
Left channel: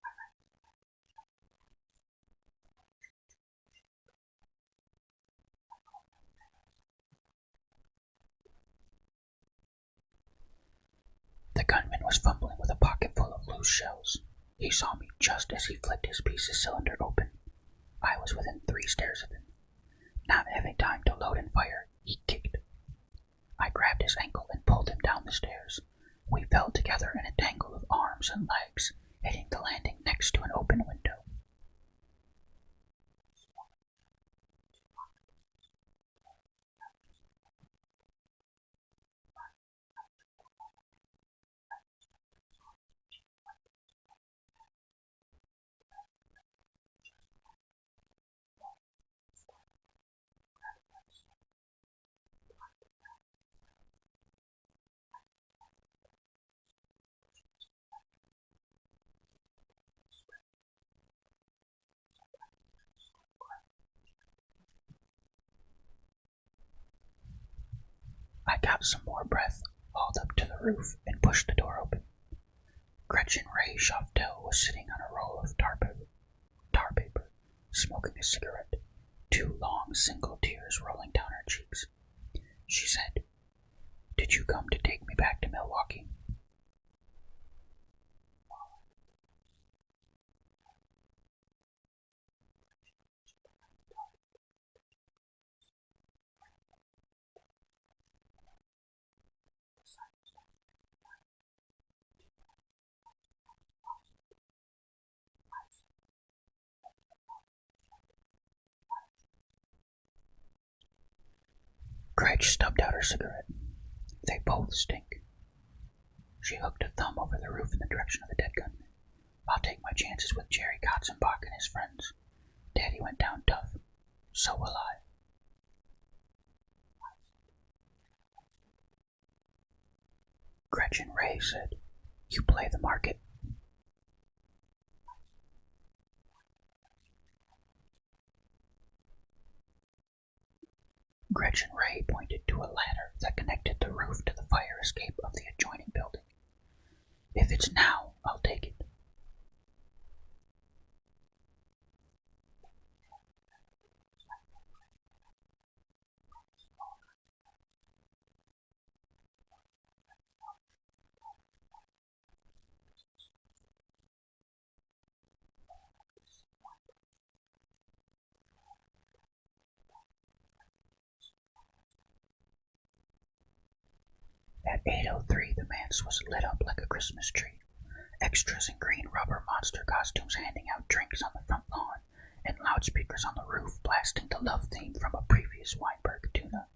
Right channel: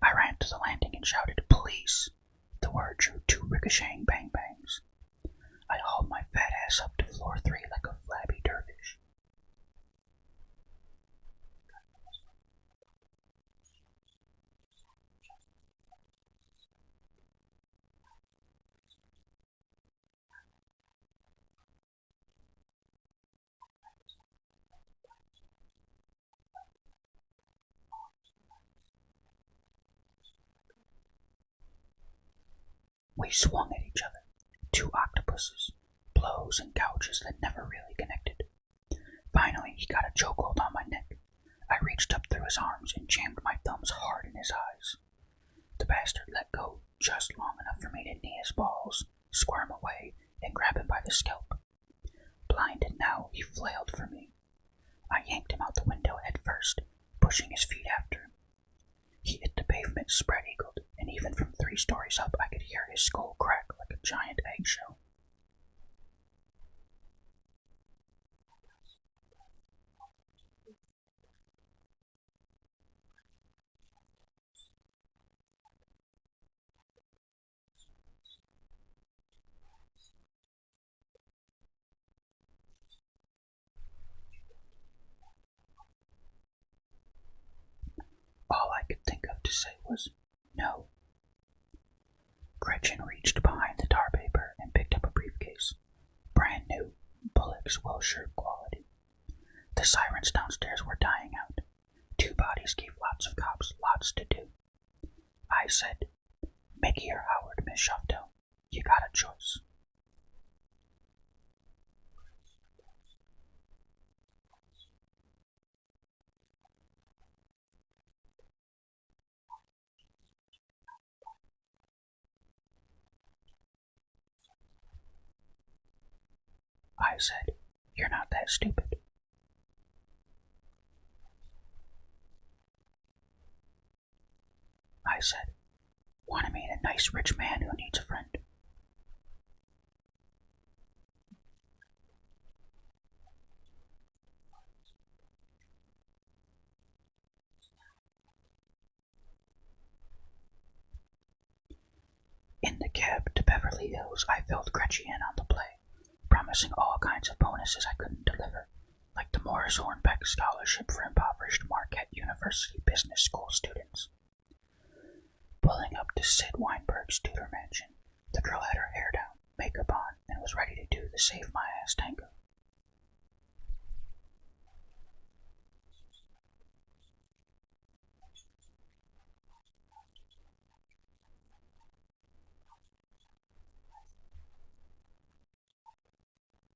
I ran to the landing and shouted, "Police!" The word drew 2 ricocheting bang-bangs. I hauled my fat ass up to floor 3 like a flabby dervish. The gunman was fumbling with a pocket full of loose shells. He saw me just as he flicked his piece of cylinder open. I was within 3 stairs of him. Not having time to load and fire, he kicked. I grabbed his ankle and pulled him down the stairs. We fell together in a tangle of arms and legs, hitting the landing next to an open window. We swung at each other, 2 octopuses, blows and gouges that never really connected. Finally, he got a chokehold on my neck. I reached up through his arms and jammed my thumbs hard in his eyes. The bastard let go just long enough for me to knee his balls, squirm away, and grab him by the scalp. Blinded now, he flailed for me. I yanked him out the window head first, pushing his feet after him. He hit the pavement spread-eagled, and even from 3 stories up I could hear his skull crack like a giant eggshell. I got some more breath, hauled up to the roof, and pushed the door open. Gretchen Ray Shoftel was sitting on a roll of tar paper, smoking a cigarette, 2 long single tears rolling down her cheeks. She said, "Did you come to take me back to Milwaukee?" All I could think of to say was, "No." Gretchen reached behind the tar paper and picked up a briefcase. Brand new, Bullock's Wilshire quality. The sirens downstairs were dying out. 2 bodies gave lots of cops lots to do. I said, "Mickey or Howard, Miss Shoftel? You got a choice." Gretch stubbed out her cigarette. "They both stink." She hooked a thumb over the roof in the direction of the dead gunman. "I'll take my chances with Jerry Katzenbach and his friends. Daddy went down tough. So will I." I said, "You're not that stupid." Gretchen Ray said, "You play the market." I said, "Want to meet a nice rich man who needs a friend?" Gretchen Ray pointed to a ladder that connected the roof to the fire escape of the adjoining building. "If it's now, I'll take it." In the cab to Beverly Hills, I filled Gretchen in on the play, promising all kinds of bonuses I couldn't deliver, like the Morris Hornbeck Scholarship for impoverished Marquette University Business School students. Pulling up to Sid Weinberg's Tudor mansion, the girl had her hair down, makeup on, and was ready to do the Save My Ass tango. At 8:03, the manse was lit up like a Christmas tree. Extras in green rubber monster costumes handing out drinks on the front lawn, and loudspeakers on the roof blasting the love theme from a previous Weinberg tuna,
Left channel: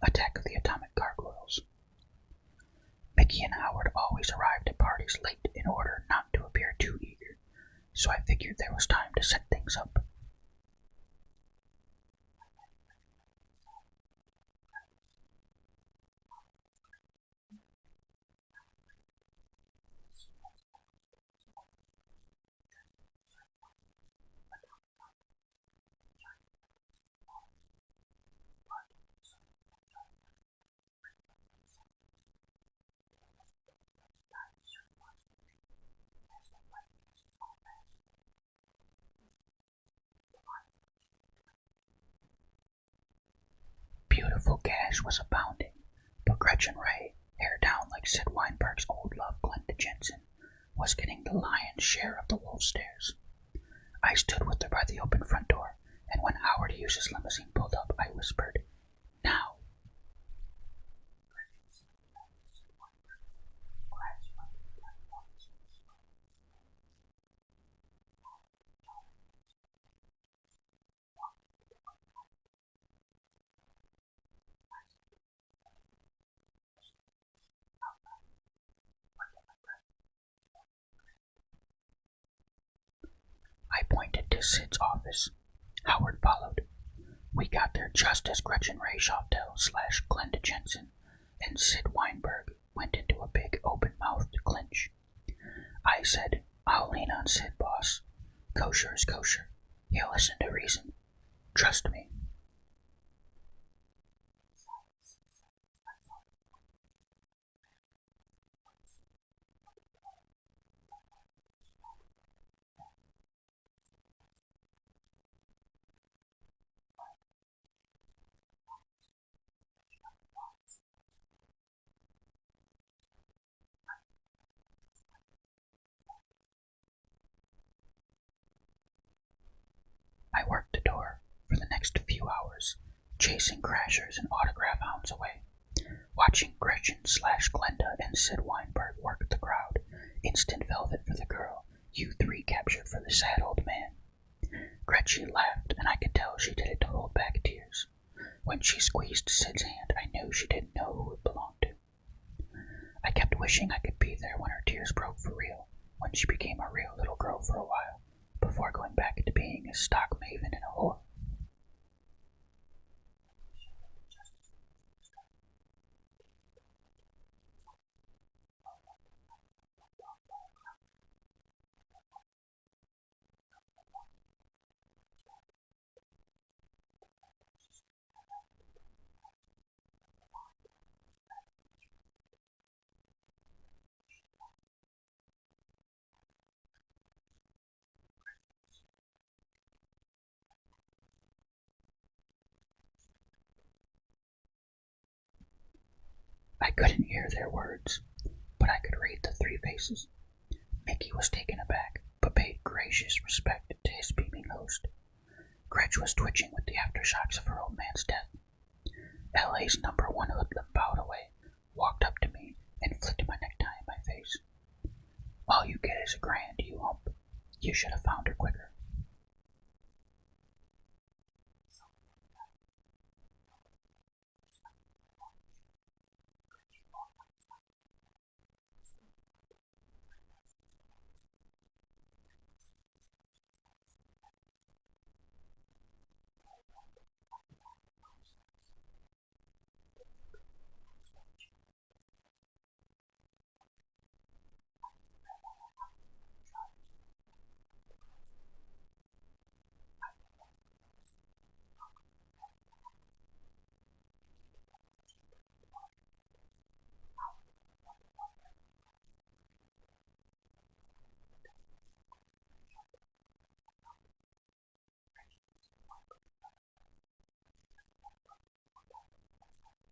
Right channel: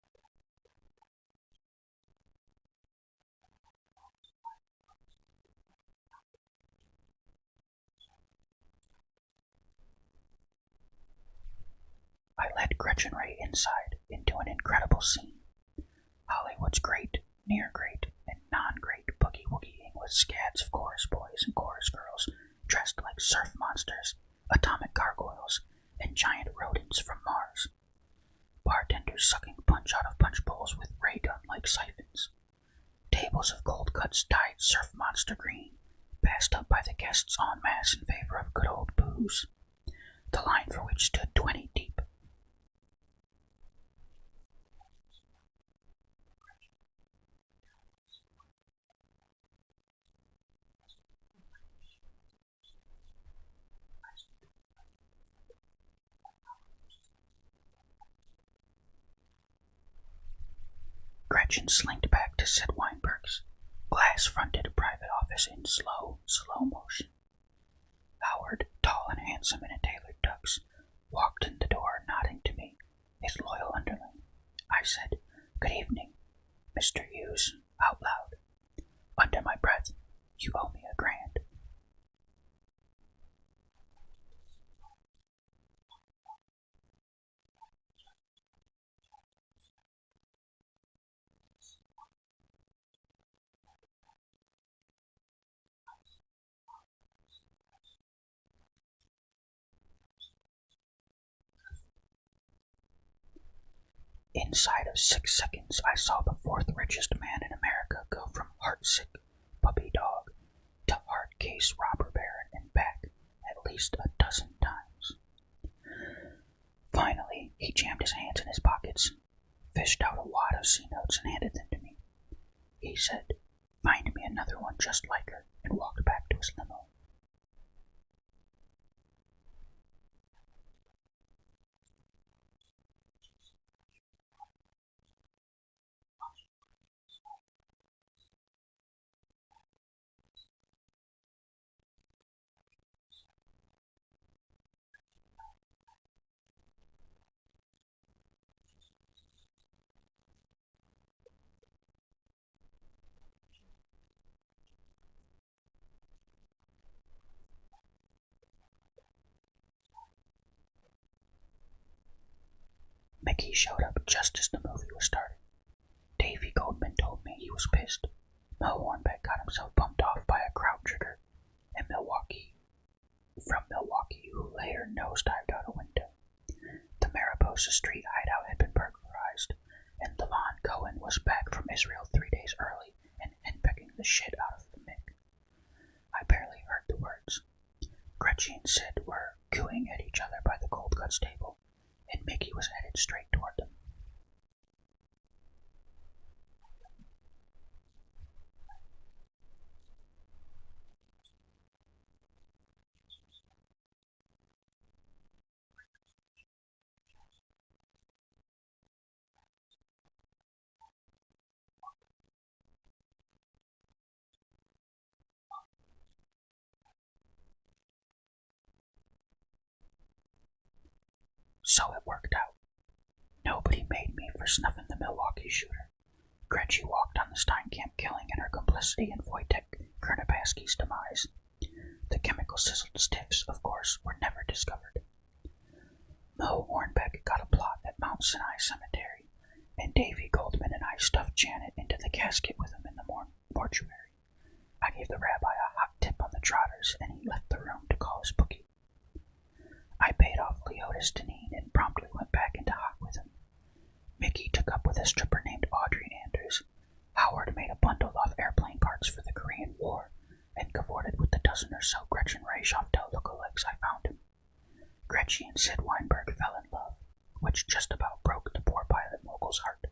Attack of the Atomic Gargoyles. Mickey and Howard always arrived at parties late in order not to appear too eager, so I figured there was time to set things up. I led Gretchen Ray inside into an incredible scene. Hollywood's great, near great, and non-great boogie-woogieing with scads of chorus boys and chorus girls dressed like surf monsters, atomic gargoyles, and giant rodents from Mars. Bartenders sucking punch out of punch bowls with ray gun-like siphons. Tables of cold cuts dyed surf monster green, passed up by the guests en masse in favor of good old booze, the line for which stood 20 deep. Beautiful gash was abounding, but Gretchen Ray, hair down like Sid Weinberg's old love Glenda Jensen, was getting the lion's share of the wolf stares. I stood with her by the open front door and when Howard Hughes's limousine pulled up, I whispered, "Now." Gretchen slinked back to Sid Weinberg's glass-fronted private office in slow motion. Howard, tall and handsome in a tailored tux, walked in the door, nodding to me, his loyal underling. I said, "Good evening, Mr. Hughes," out loud. Under my breath, "You owe me $1,000." I pointed to Sid's office. Howard followed. We got there just as Gretchen Ray Shoftel / Glenda Jensen and Sid Weinberg went into a big open-mouthed clinch. I said, "I'll lean on Sid, boss. Kosher is kosher. He'll listen to reason. Trust me." Inside of 6 seconds, I saw the 4th richest man in America go from heartsick puppy dog to hard case robber baron and back at least a dozen times. Finally, he jammed his hands in his pockets, fished out a wad of C-notes and handed them to me. He said, "Find me another one just like her," and walked back to his limo. I worked the door for the next few hours, chasing crashers and autograph hounds away, watching Gretchen / Glenda and Sid Weinberg work the crowd, instant velvet for the girl, U3 captured for the sad old man. Gretchen laughed, and I could tell she did it to hold back tears. When she squeezed Sid's hand, I knew she didn't know who it belonged to. I kept wishing I could be there when her tears broke for real, when she became a real little girl for a while, before going back into being a stock maven and a whore. Mickey showed up just as the movie was starting. Davy Goldman told me he was pissed. Mel Hornbeck got himself bumped off by a crowd trigger, and from Milwaukee, who later nosedived out a window. The Mariposa Street hideout had been burglarized, and Levon Cohen was back from Israel 3 days early and henpecking the shit out of the Mick. I barely heard the words. Gretchen and Sid were cooing at each other by the cold cuts table, and Mickey was headed straight toward them. I couldn't hear their words, but I could read the 3 faces. Mickey was taken aback, but paid gracious respect to his beaming host. Gretch was twitching with the aftershocks of her old man's death. LA's #1 hoodlum bowed away, walked up to me, and flicked my necktie in my face. "All you get is $1,000, you hump. You should have found her quicker." So it worked out. Nobody made me for snuffing the Milwaukee shooter. Gretchen walked on the Steinkamp killing and her complicity in Wojtek Kernabaski's demise. The chemical sizzled stiffs, of course, were never discovered. Mo Hornbeck got a plot at Mount Sinai Cemetery, and Davy Goldman and I stuffed Janet into the casket with him in the mortuary. I gave the rabbi a hot tip on the trotters, and he left the room to call his bookie. I paid off Leotis Deneen and promptly went back into hock with him. Mickey took up with a stripper named Audrey Anders. Howard made a bundle of airplane parts for the Korean War, and cavorted with the dozen or so Gretchen Ray Shoftel lookalikes I found him. Gretchen and Sid Weinberg fell in love, which just about broke the poor pilot mogul's heart.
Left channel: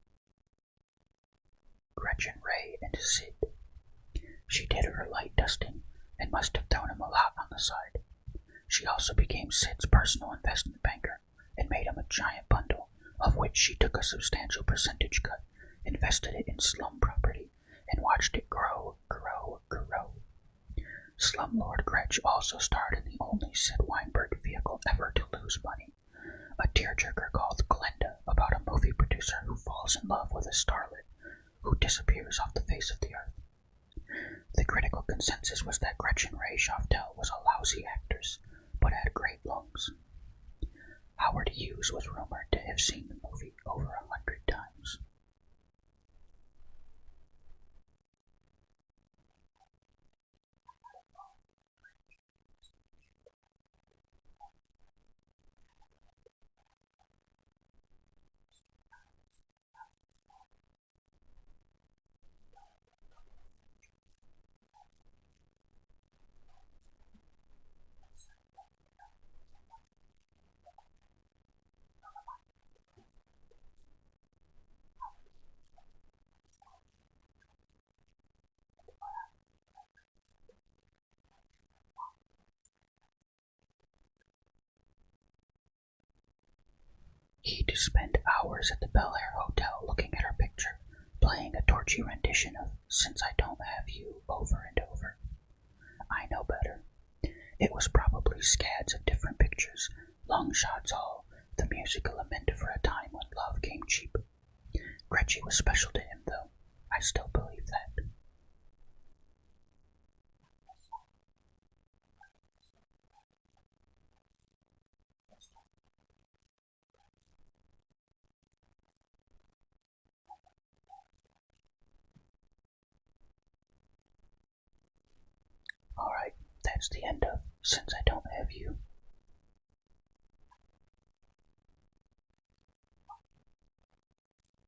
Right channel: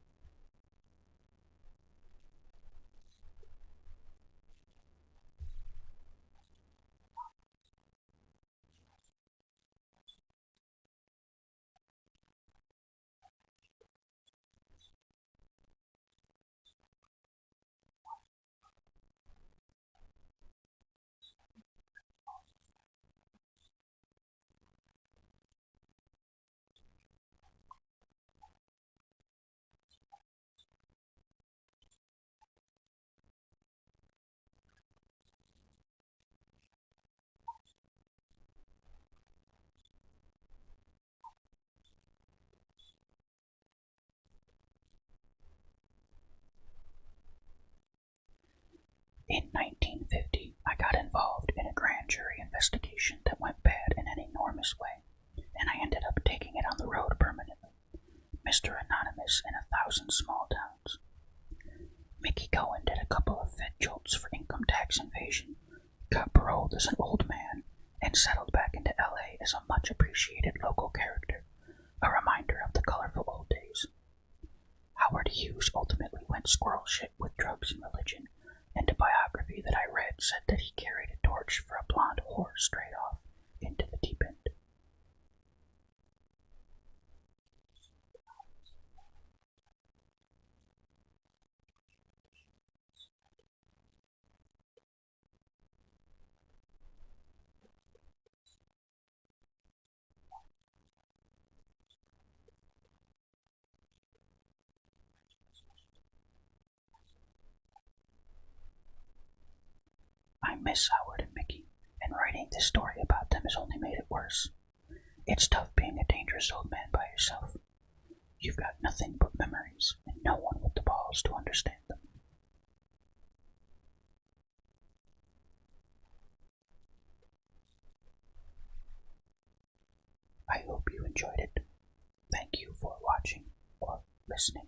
Gretchen Ray and Sid. She did her light dusting, and must have thrown him a lot on the side. She also became Sid's personal investment banker, and made him a giant bundle, of which she took a substantial percentage cut, invested it in slum property, and watched it grow. Slumlord Gretch also starred in the only Sid Weinberg vehicle ever to lose money, a tearjerker called Glenda, about a movie producer who falls in love with a starlet who disappears off the face of the earth. The critical consensus was that Gretchen Ray Shoftel was a lousy actress, but had great lungs. Howard Hughes was rumored to have seen the movie over 100 times. In 1950, I got involved in a grand jury investigation that went bad in an enormous way, and I ended up taking it on the road permanently. Mr. Anonymous in 1,000 small towns. Mickey Cohen did a couple of Fed jolts for income tax evasion, got paroled as an old man, and settled back into LA as a much appreciated local character, a reminder of the colorful old days. Howard Hughes ultimately went squirrel shit with drugs and religion, and a biography that I read said that he carried a torch for a blonde whore straight off into the deep end. He'd spend hours at the Bel Air Hotel looking at her picture, playing a torchy rendition of Since I Don't Have You over and over. I know better. It was probably scads of different pictures, long shots all, the music lament for a time when love came cheap. Gretchen was special to him, though. I still believe that. I miss Howard and Mickey, and writing this story about them has only made it worse. It's tough being a dangerous old man by yourself. You've got nothing but memories, and no one with the balls to understand them. Alright, that's the end of Since I Don't Have You. I hope you enjoyed it. Thank you for watching or listening.